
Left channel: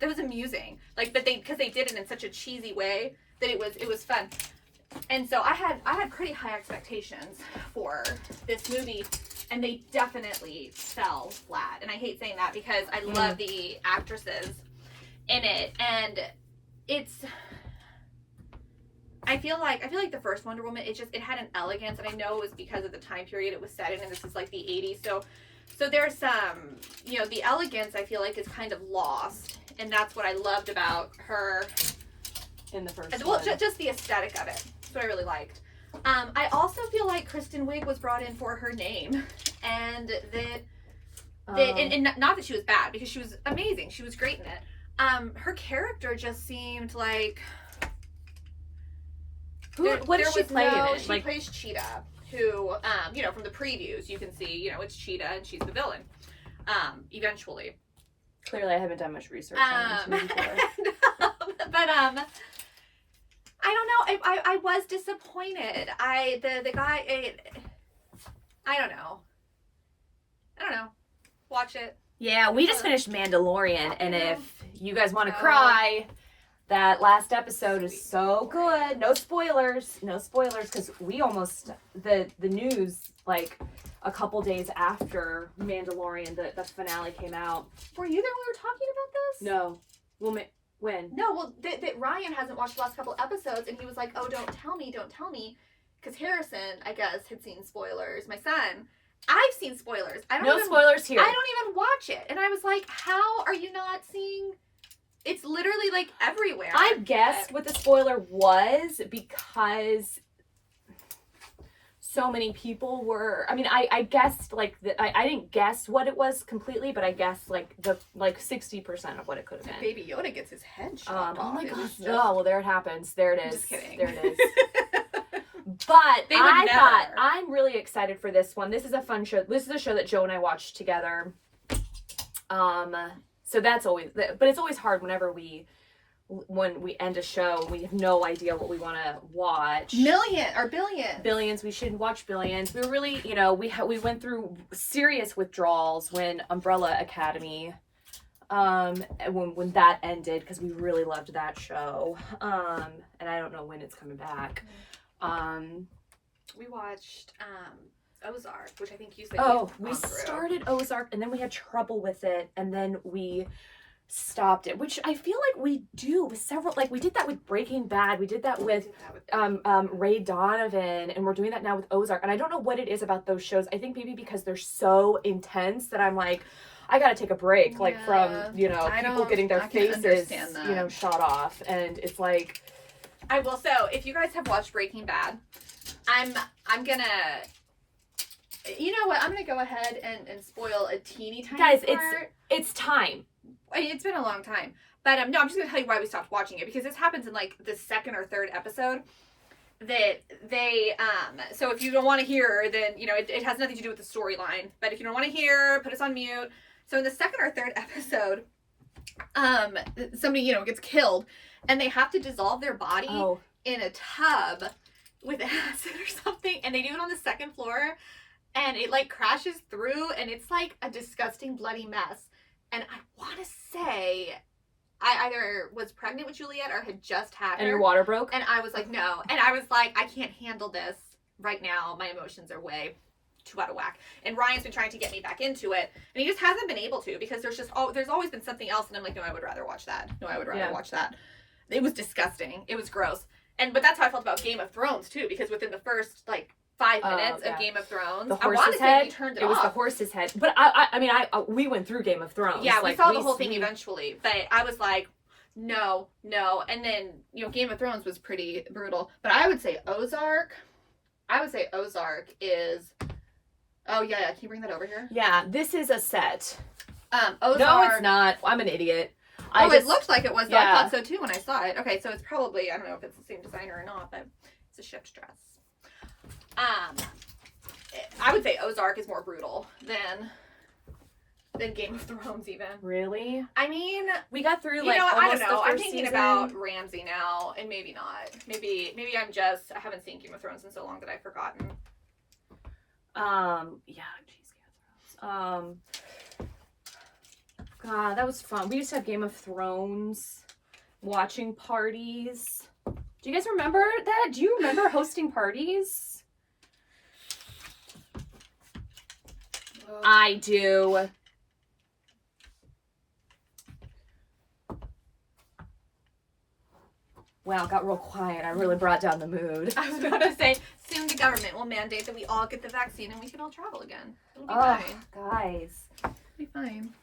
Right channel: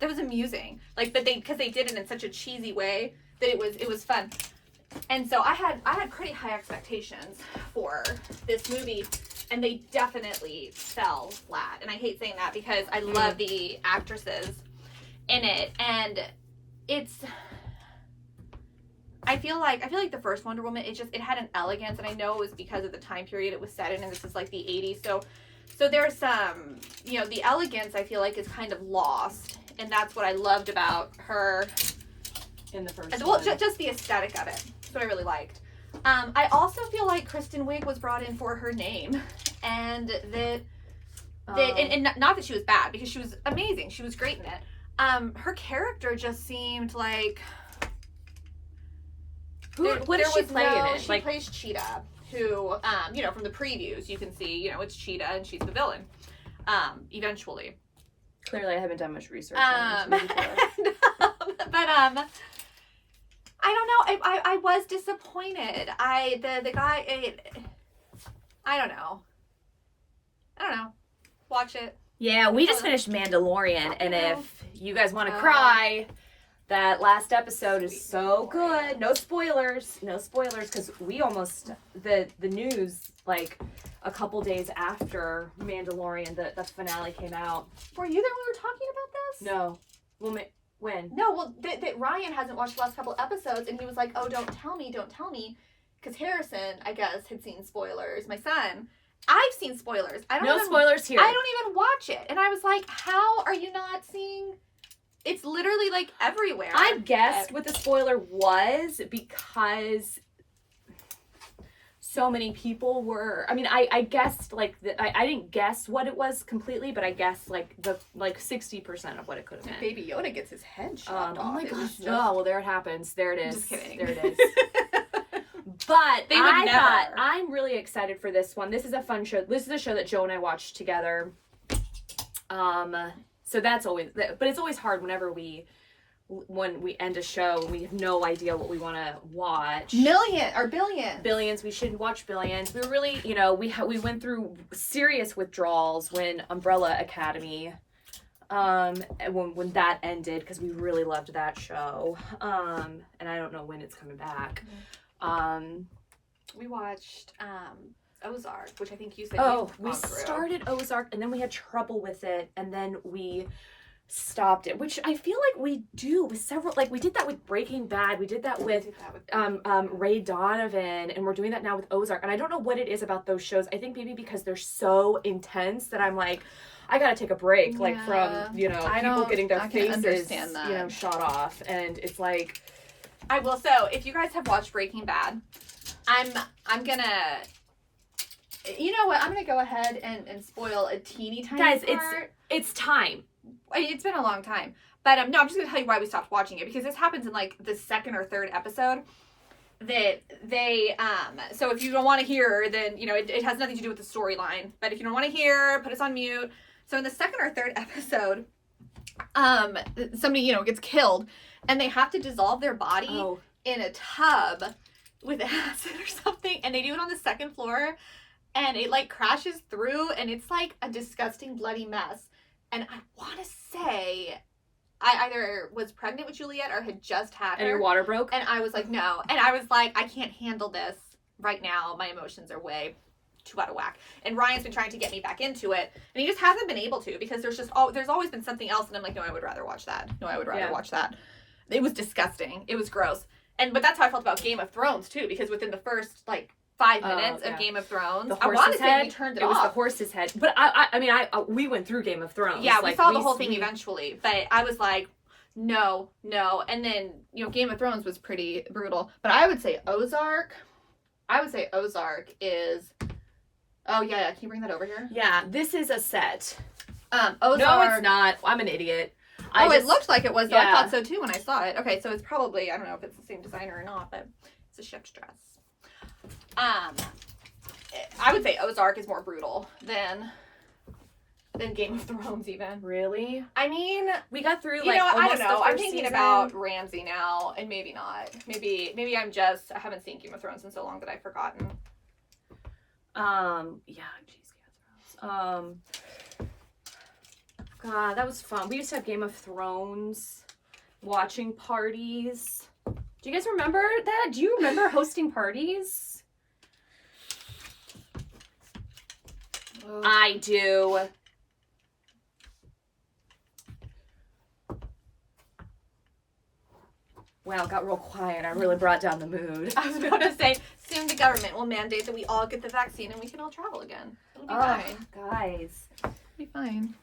that was amusing. Like, but because they did it in such a cheesy way that it was fun. And so I had pretty high expectations for this movie, and they definitely fell flat. And I hate saying that because I love the actresses in it, and I feel like the first Wonder Woman, it had an elegance, and I know it was because of the time period it was set in, and this is like the 80s. So there's some, the elegance I feel like is kind of lost, and that's what I loved about her in the first well, one. Just the aesthetic of it. That's what I really liked. I also feel like Kristen Wiig was brought in for her name, and and not that she was bad, because she was amazing. She was great in it. Her character just seemed like... What does she play in it? She plays Cheetah, who, from the previews, you can see, it's Cheetah, and she's the villain, eventually. Clearly, I haven't done much research on this movie before. But, I don't know. I was disappointed. The guy, I don't know. Watch it. Yeah, we just finished Mandalorian, and if you guys want to cry, that last episode is so good. No spoilers, because we almost, the news, like, a couple days after Mandalorian, the finale came out. Were you there when we were talking about this? No. Well, when? No, well, that Ryan hasn't watched the last couple episodes, and he was like, oh, don't tell me, because Harrison, I guess, had seen spoilers. My son, I've seen spoilers. Spoilers here. I don't even watch it. And I was like, how are you not seeing... It's literally, like, everywhere. I guessed what the spoiler was because so many people were... I mean, I guessed, like... I didn't guess what it was completely, but I guessed, like, 60% of what it could have been. Baby Yoda gets his head chopped off. Oh, my gosh. Oh, well, there it happens. There it is. Just kidding. There it is. But I thought, I'm really excited for this one. This is a fun show. This is a show that Joe and I watched together. So that's always, but it's always hard when we end a show and we have no idea what we want to watch. Billions. We should watch Billions. We were really, we went through serious withdrawals when Umbrella Academy, when that ended, because we really loved that show. And I don't know when it's coming back. We watched Ozark, which I think you said. Oh, we started Ozark, and then we had trouble with it, and then we stopped it, which I feel like we do with several, like we did that with Breaking Bad, we did that with Ray Donovan, and we're doing that now with Ozark. And I don't know what it is about those shows. I think maybe because they're so intense that I'm like, I gotta take a break, like from, you know, people getting their faces, you know, shot off. And it's like, I will. So if you guys have watched Breaking Bad, I'm gonna, you know what, I'm gonna go ahead and spoil a teeny tiny guys, part. it's time. It's been a long time, but no, I'm just gonna tell you why we stopped watching it, because this happens in like the second or third episode. That they so if you don't want to hear, then you know it has nothing to do with the storyline. But if you don't want to hear, put us on mute. So in the second or third episode, somebody, you know, gets killed, and they have to dissolve their body in a tub with acid or something, and they do it on the second floor, and it like crashes through, and it's like a disgusting bloody mess. And I want to say I either was pregnant with Juliet or had just had her. And your water broke? And I was like, no. And I was like, I can't handle this right now. My emotions are way too out of whack. And Ryan's been trying to get me back into it, and he just hasn't been able to, because there's always been something else, and I'm like, no, I would rather watch that. No, I would rather watch that. It was disgusting. It was gross. But that's how I felt about Game of Thrones too, because within the first like 5 minutes of Game of Thrones, the horse's head. Turned it was off. The horse's head. But I mean, we went through Game of Thrones. Yeah, we saw the whole thing eventually. But I was like, no. And then, you know, Game of Thrones was pretty brutal. But I would say Ozark is. Oh yeah, can you bring that over here? Yeah, this is a set. Ozark. No, it's not. I'm an idiot. It looked like it was, though. Yeah. I thought so too when I saw it. Okay, so it's probably, I don't know if it's the same designer or not, but it's a ship's dress. I would say Ozark is more brutal than Game of Thrones even. Really? I mean, we got through like almost the first I'm thinking season. about Ramsay now, and maybe not. Maybe I haven't seen Game of Thrones in so long that I've forgotten. Yeah, geez, Game of Thrones. God, that was fun. We used to have Game of Thrones watching parties. Do you guys remember that? Do you remember hosting parties? I do. Wow, it got real quiet. I really brought down the mood. I was going to say, soon the government will mandate that we all get the vaccine and we can all travel again. It'll be fine. Guys. It'll be fine.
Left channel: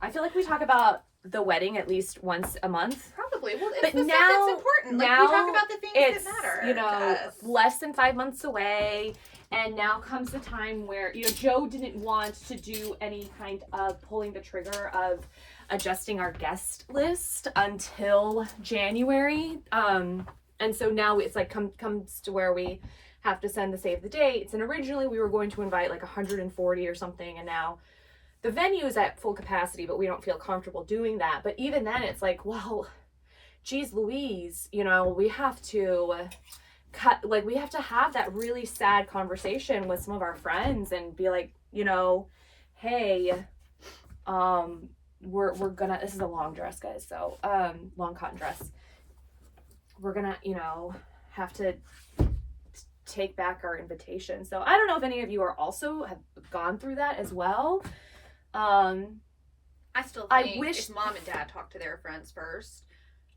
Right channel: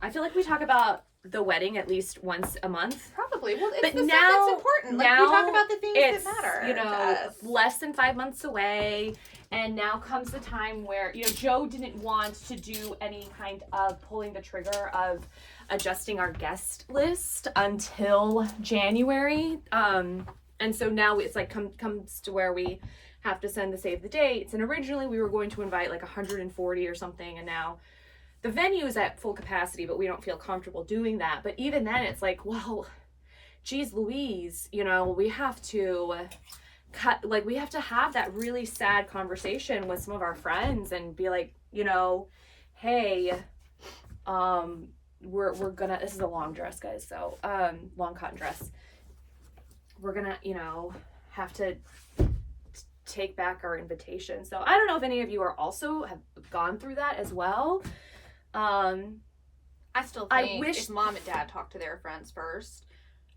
I feel like we talk about the wedding at least once a month. Probably. Well, it's but the now, stuff that's important. Like, now we talk about the things that matter. You know, less than 5 months away. And now comes the time where, you know, Joe didn't want to do any kind of pulling the trigger of adjusting our guest list until January. And so now it's like comes to where we have to send the save the dates. And originally we were going to invite like 140 or something. And now the venue is at full capacity, but we don't feel comfortable doing that. But even then it's like, well, geez Louise, you know, we have to we have to have that really sad conversation with some of our friends and be like, you know, hey, we're gonna, this is a long dress, guys, so long cotton dress, we're gonna, you know, have to take back our invitation. So I don't know if any of you are also have gone through that as well. I still think if mom and dad talk to their friends first,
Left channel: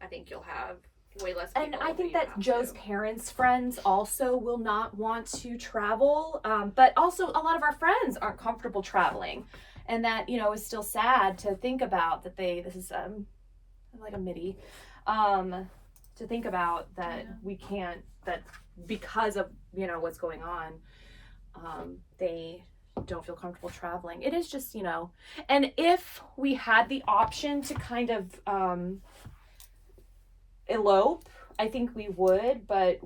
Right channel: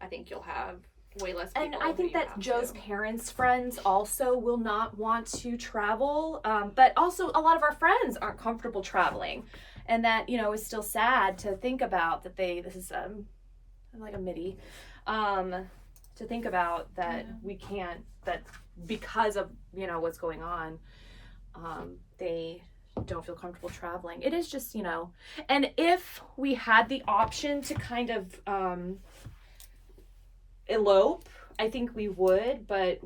I think you'll have way less people. And I think that Joe's parents' friends also will not want to travel, but also a lot of our friends aren't comfortable traveling, and that, you know, is still sad to think about that this is like a MIDI, to think about that we can't, that because of, you know, what's going on, they don't feel comfortable traveling. It is just, you know, and if we had the option to kind of elope, I think we would, but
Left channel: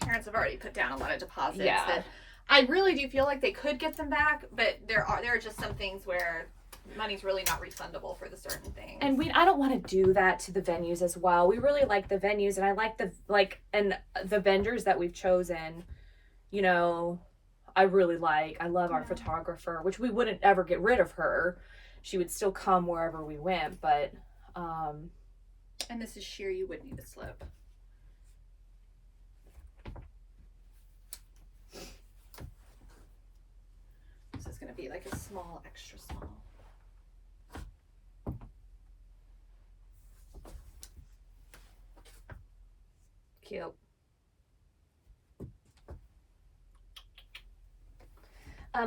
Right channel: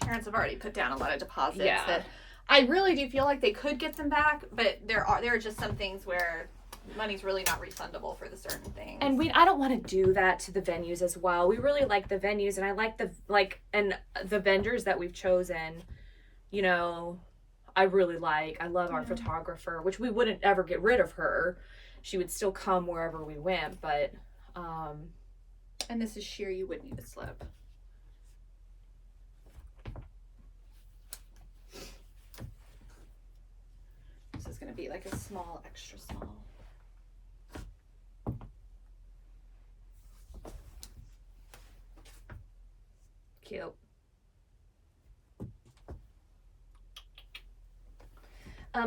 parents have already put down a lot of deposits that I really do feel like they could get them back, but there are just some things where money's really not refundable for the certain things. And I don't want to do that to the venues as well. We really like the venues, and I like the vendors that we've chosen, you know, I love our photographer, which we wouldn't ever get rid of her. She would still come wherever we went, but and this is sheer, you would need a slip. This is going to be like a small, extra small. cute.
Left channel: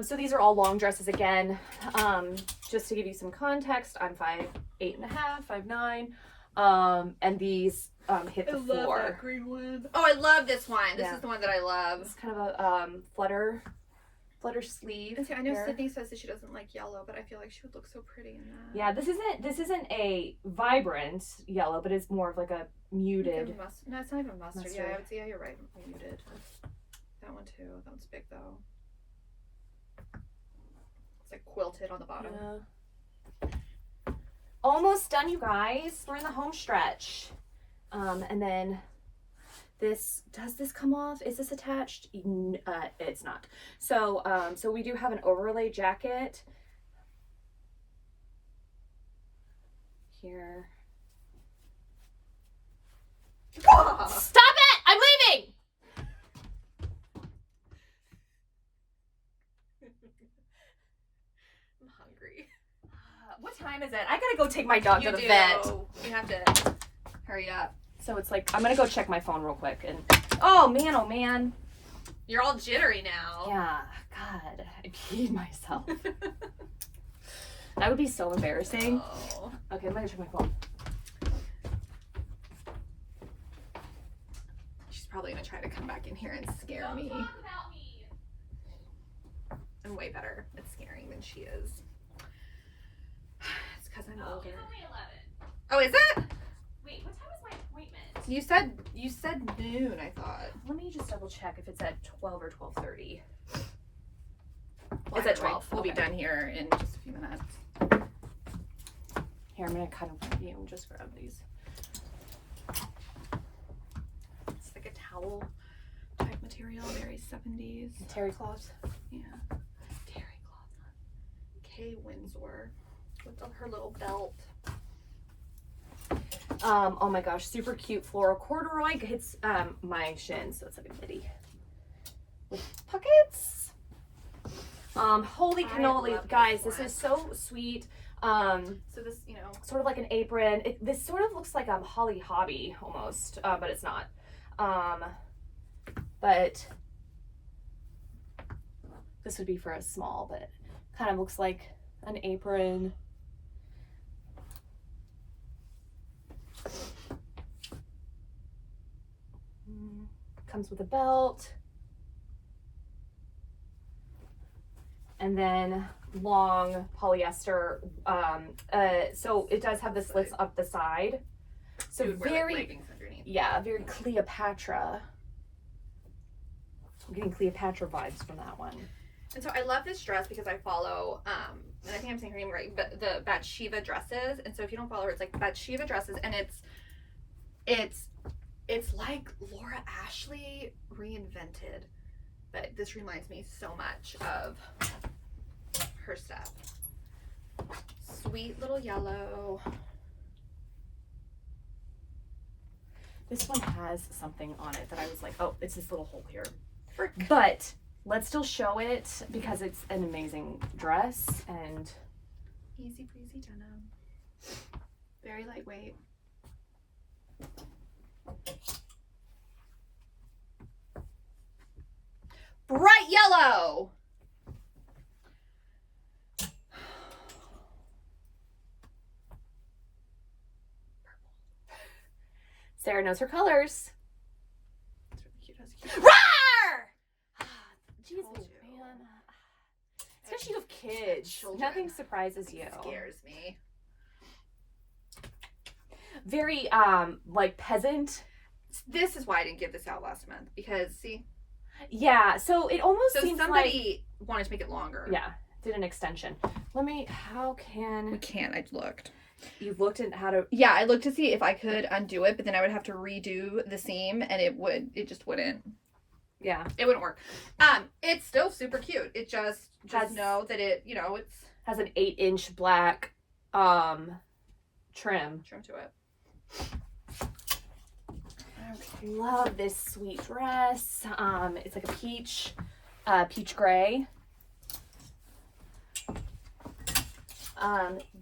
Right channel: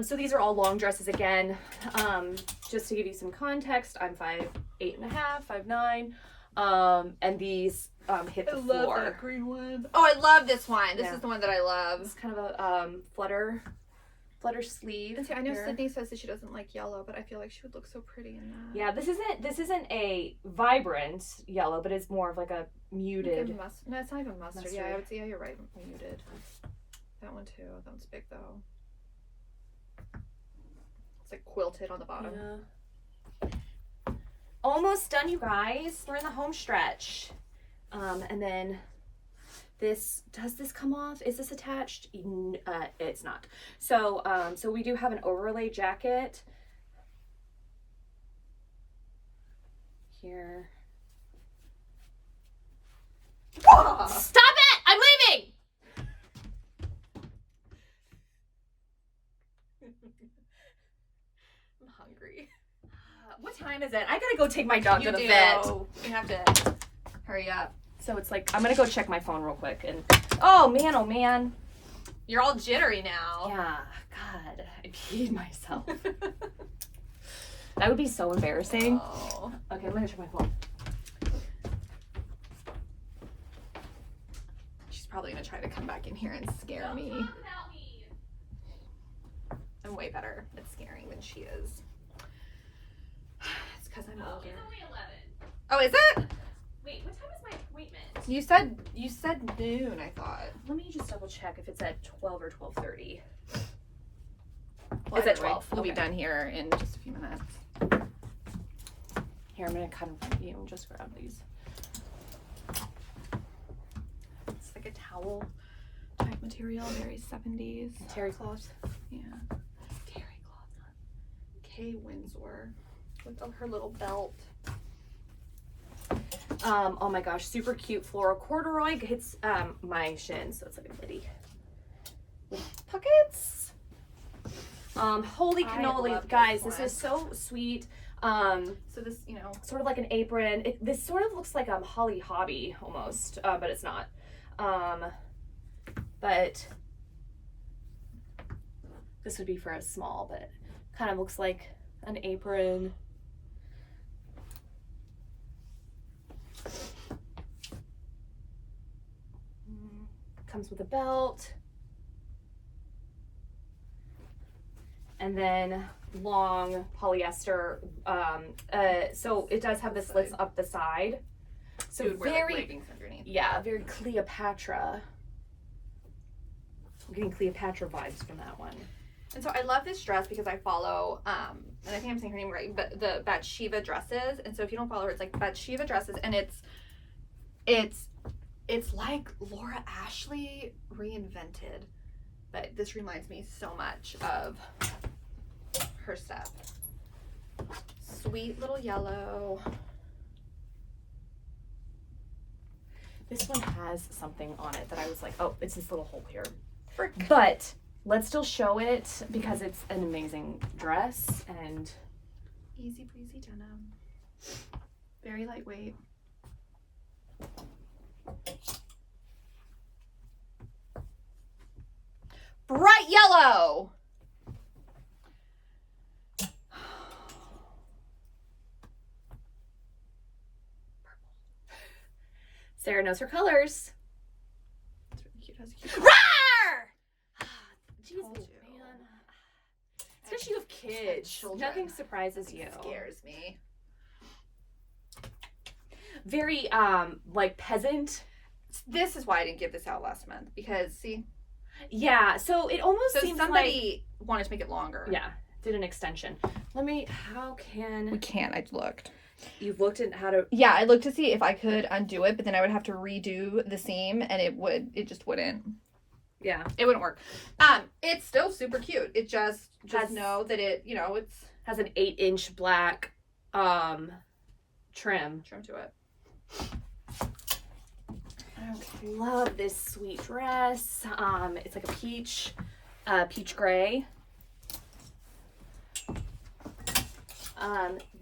So these are all long dresses again. Just to give you some context, I'm 5'8.5", 5'9", and these hit the floor. I love that green one. Oh, I love this one. This yeah. is the one that I love. It's kind of a flutter sleeve. See, I know Sydney says that she doesn't like yellow, but I feel like she would look so pretty in that. Yeah, this isn't a vibrant yellow, but it's more of like a muted. No, it's not even mustard. Yeah, you're right. Muted. That one too. That one's big though. It's like quilted on the bottom. Yeah. Almost done, you guys. We're in the home stretch. And then does this come off? Is this attached? It's not. So we do have an overlay jacket here. Stop it! I'm leaving! I'm hungry. What time is it? I gotta go take my dog to the vet. You have to hurry up. So it's like, I'm gonna go check my phone real quick and, oh man. You're all jittery now. Yeah, God, I peed myself. That would be so embarrassing. Oh. Okay, I'm gonna check my phone. She's probably gonna try to come back in here and scare me. I'm way better at scaring than she is. It's because I'm older. Oh, is it? Wait, what time is my appointment? You said noon, I thought. Let me just double check if it's at 12 or 12:30. Well, it's at 12. We'll be done here in just a few minutes. Here, I'm gonna kind of, just grab these. It's like a towel type material, very 70s. Terry cloth. Yeah. Terry cloth. Kay Windsor with her little belt. Oh my gosh, super cute floral corduroy hits my shin, so it's like a midi with pockets. Holy cannoli, guys, this is so sweet. So this, sort of like an apron. This sort of looks like Holly Hobby almost, but it's not. But this would be for a small, but kind of looks like an apron. Comes with a belt. And then long polyester. So it does have the slits up the side. So very, yeah, very Cleopatra. I'm getting Cleopatra vibes from that one. And so I love this dress because I follow, and I think I'm saying her name right, but the Bathsheba dresses. And so if you don't follow her, it's like Bathsheba dresses, and it's like Laura Ashley reinvented, but this reminds me so much of her stuff. Sweet little yellow. This one has something on it that I was like, oh, it's this little hole here. But let's still show it because it's an amazing dress and easy breezy denim. Very lightweight. Bright yellow. Sarah knows her colors. It's really cute. Has a cute Roar! Jeez, man. It's because you have kids. Nothing surprises you. It scares me. Very like peasant. This is why I didn't give this out last month, because see. Yeah, so it almost seems somebody wanted to make it longer. Yeah, did an extension. We can't. I looked. You've looked at how to. Yeah, I looked to see if I could undo it, but then I would have to redo the seam, and it just wouldn't. Yeah, it wouldn't work. It's still super cute. It just know that it, it's has an 8-inch black trim to it. I love this sweet dress. It's like a peach gray.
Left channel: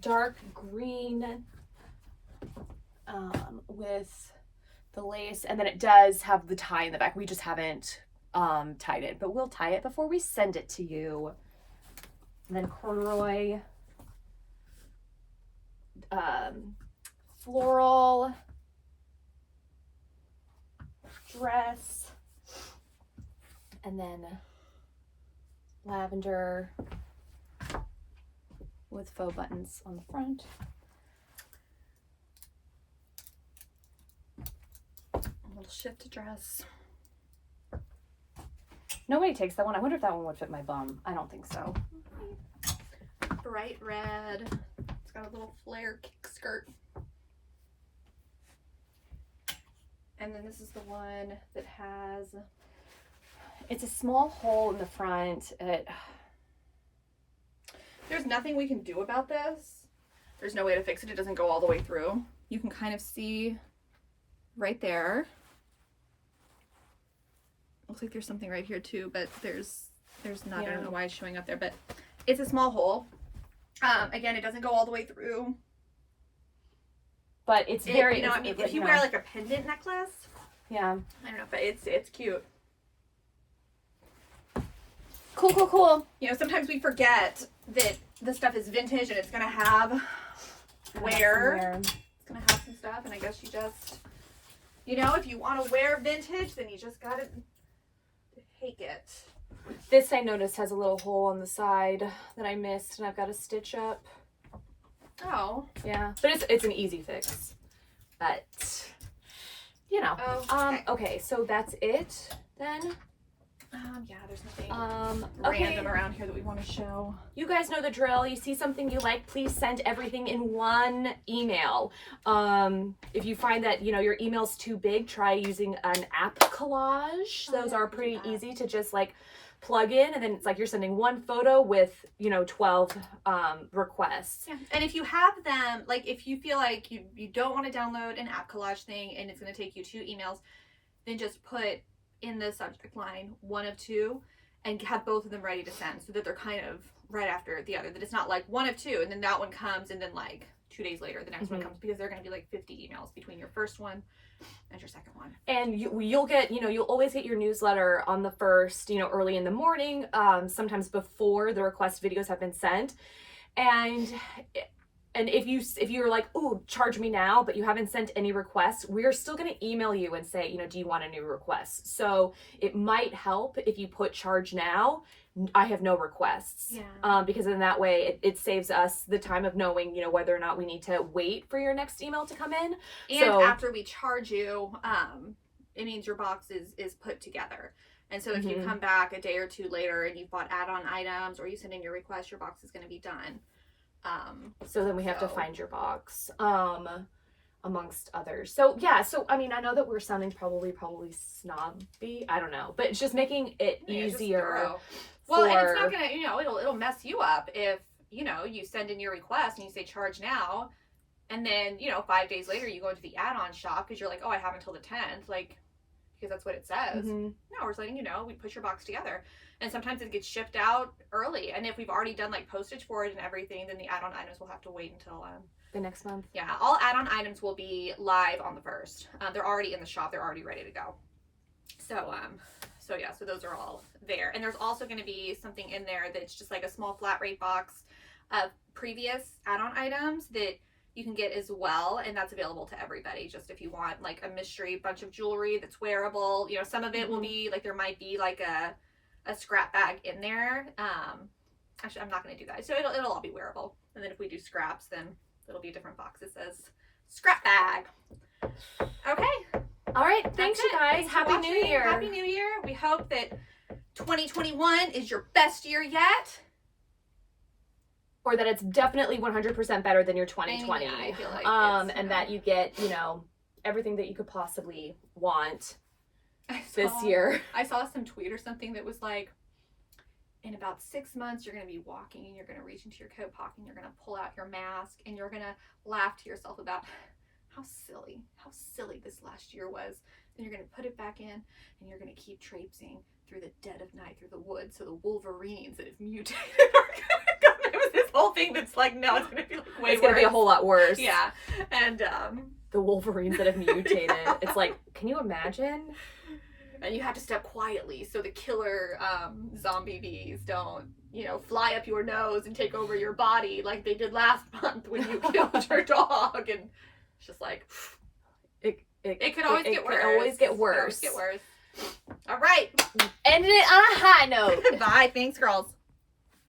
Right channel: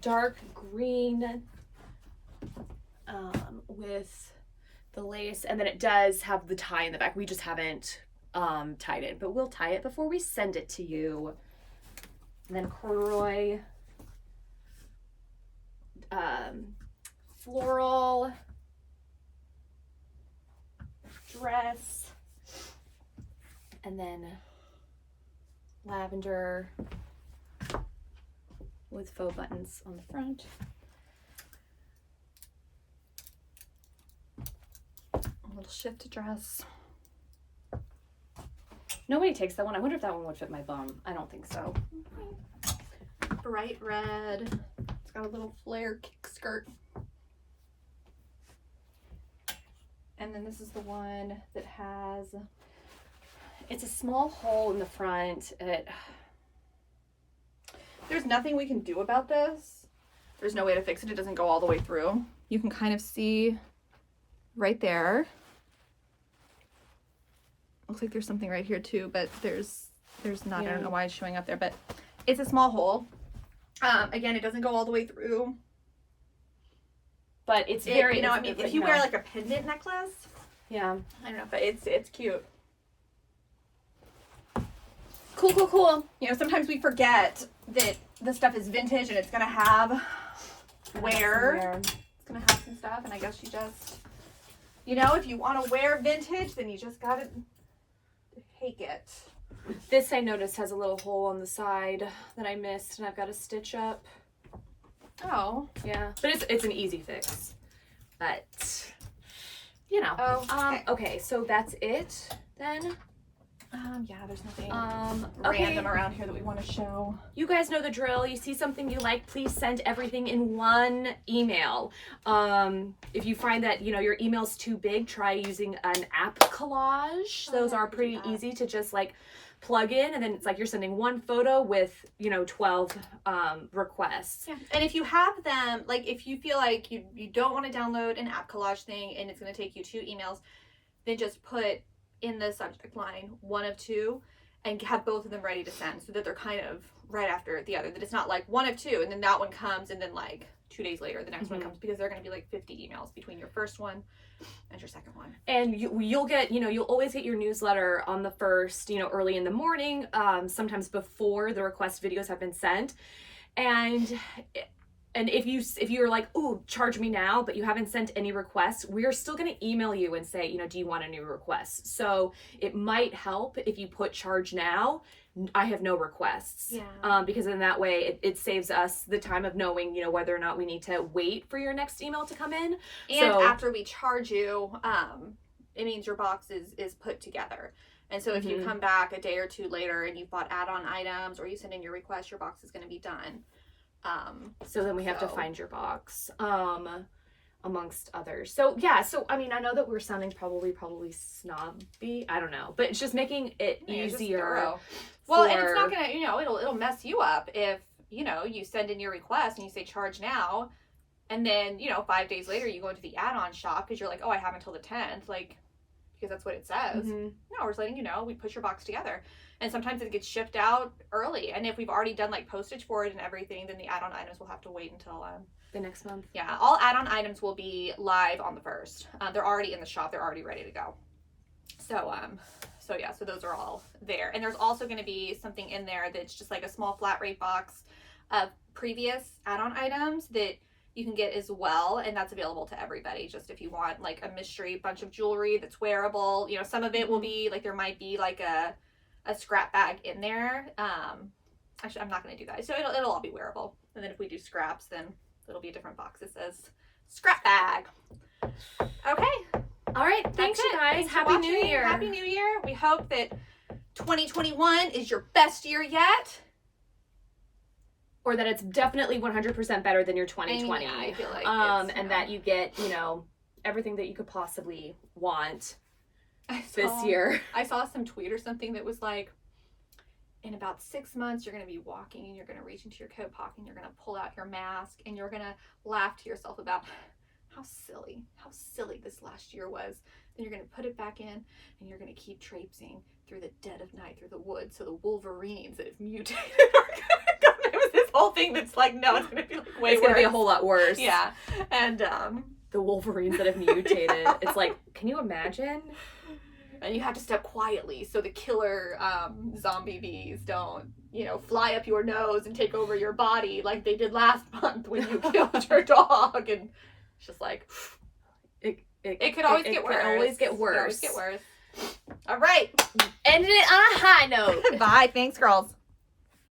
Dark green with the lace, and then it does have the tie in the back. We just haven't tied it, but we'll tie it before we send it to you. And then corduroy, floral dress, and then lavender with faux buttons on the front. A little shift dress. Nobody takes that one. I wonder if that one would fit my bum. I don't think so. Bright red. It's got a little flare kick skirt. And then this is the one that has, it's a small hole in the front. There's nothing we can do about this. There's no way to fix it. It doesn't go all the way through. You can kind of see right there. Looks like there's something right here too, but there's not. Yeah. I don't know why it's showing up there, but it's a small hole. Again, it doesn't go all the way through. But it's very, I mean, if you wear like a pendant necklace. Yeah. I don't know, but it's cute. Cool. You know, sometimes we forget that the stuff is vintage and it's gonna have wear. It's gonna have some stuff, and I guess you just, you know, if you want to wear vintage, then you just gotta take it. This I noticed has a little hole on the side that I missed, and I've got to stitch up. Oh. Yeah, but it's an easy fix. But you know. Oh, okay, so that's it then. Yeah, there's nothing okay. random around here that we want to show. You guys know the drill. You see something you like, please send everything in one email. If you find that, you know, your email's too big, try using an app collage. Those are pretty easy to just like plug in, and then it's like you're sending one photo with, you know, 12 requests. Yeah. And if you have them, like if you feel like you don't want to download an app collage thing and it's going to take you 2 emails, then just put in the subject line 1 of 2 and have both of them ready to send, so that they're kind of right after the other, that it's not like 1 of 2 and then that one comes and then like 2 days later the next one comes, because they're going to be like 50 emails between your first one and your second one. And you'll get, you know, you'll always get your newsletter on the first, you know, early in the morning, sometimes before the request videos have been sent. And if you're like, ooh, charge me now, but you haven't sent any requests, we're still going to email you and say, you know, do you want a new request? So it might help if you put charge now, I have no requests. Yeah. Because in that way, it saves us the time of knowing, you know, whether or not we need to wait for your next email to come in. And so, after we charge you, it means your box is put together. And so if you come back a day or 2 later and you've bought add-on items or you send in your request, your box is going to be done. So then we have to find your box, amongst others. So yeah, so I mean, I know that we're sounding probably snobby. I don't know, but it's just making it easier. Well, and it's not gonna, you know, it'll mess you up if, you know, you send in your request and you say charge now, and then, you know, 5 days later you go into the add-on shop because you're like, oh, I have until the 10th, like, because that's what it says. No, we're just letting you know, we put your box together. And sometimes it gets shipped out early. And if we've already done like postage for it and everything, then the add-on items will have to wait until the next month. Yeah, all add-on items will be live on the 1st. They're already in the shop. They're already ready to go. So yeah, so those are all there. And there's also going to be something in there that's just like a small flat rate box of previous add-on items that you can get as well, and that's available to everybody. Just if you want like a mystery bunch of jewelry that's wearable, you know, some of it will be like, there might be like a scrap bag in there. Actually, I'm not going to do that. So it'll all be wearable. And then if we do scraps, then it'll be a different box that says scrap bag. Okay. All right. Thanks, you guys. Thanks Happy New Year. Happy New Year. We hope that 2021 is your best year yet. Or that it's definitely 100% better than your 2020. And, yeah, I feel like and that you get, you know, everything that you could possibly want this year. I saw some tweet or something that was like, in about 6 months, you're going to be walking and you're going to reach into your coat pocket and you're going to pull out your mask and you're going to laugh to yourself about how silly this last year was. Then you're going to put it back in and you're going to keep traipsing through the dead of night, through the woods, so the wolverines that have mutated are going to come. It was this whole thing that's like, no, it's going to be like way worse. It's going to be a whole lot worse. Yeah. And, the the Wolverines that have mutated. It's like, can you imagine? And you have to step quietly so the killer zombie bees don't, you know, fly up your nose and take over your body like they did last month when you killed your dog. And it's just like, it could always get worse. It can always get worse. It could always get worse. All right. Ending it on a high note. Bye. Thanks, girls.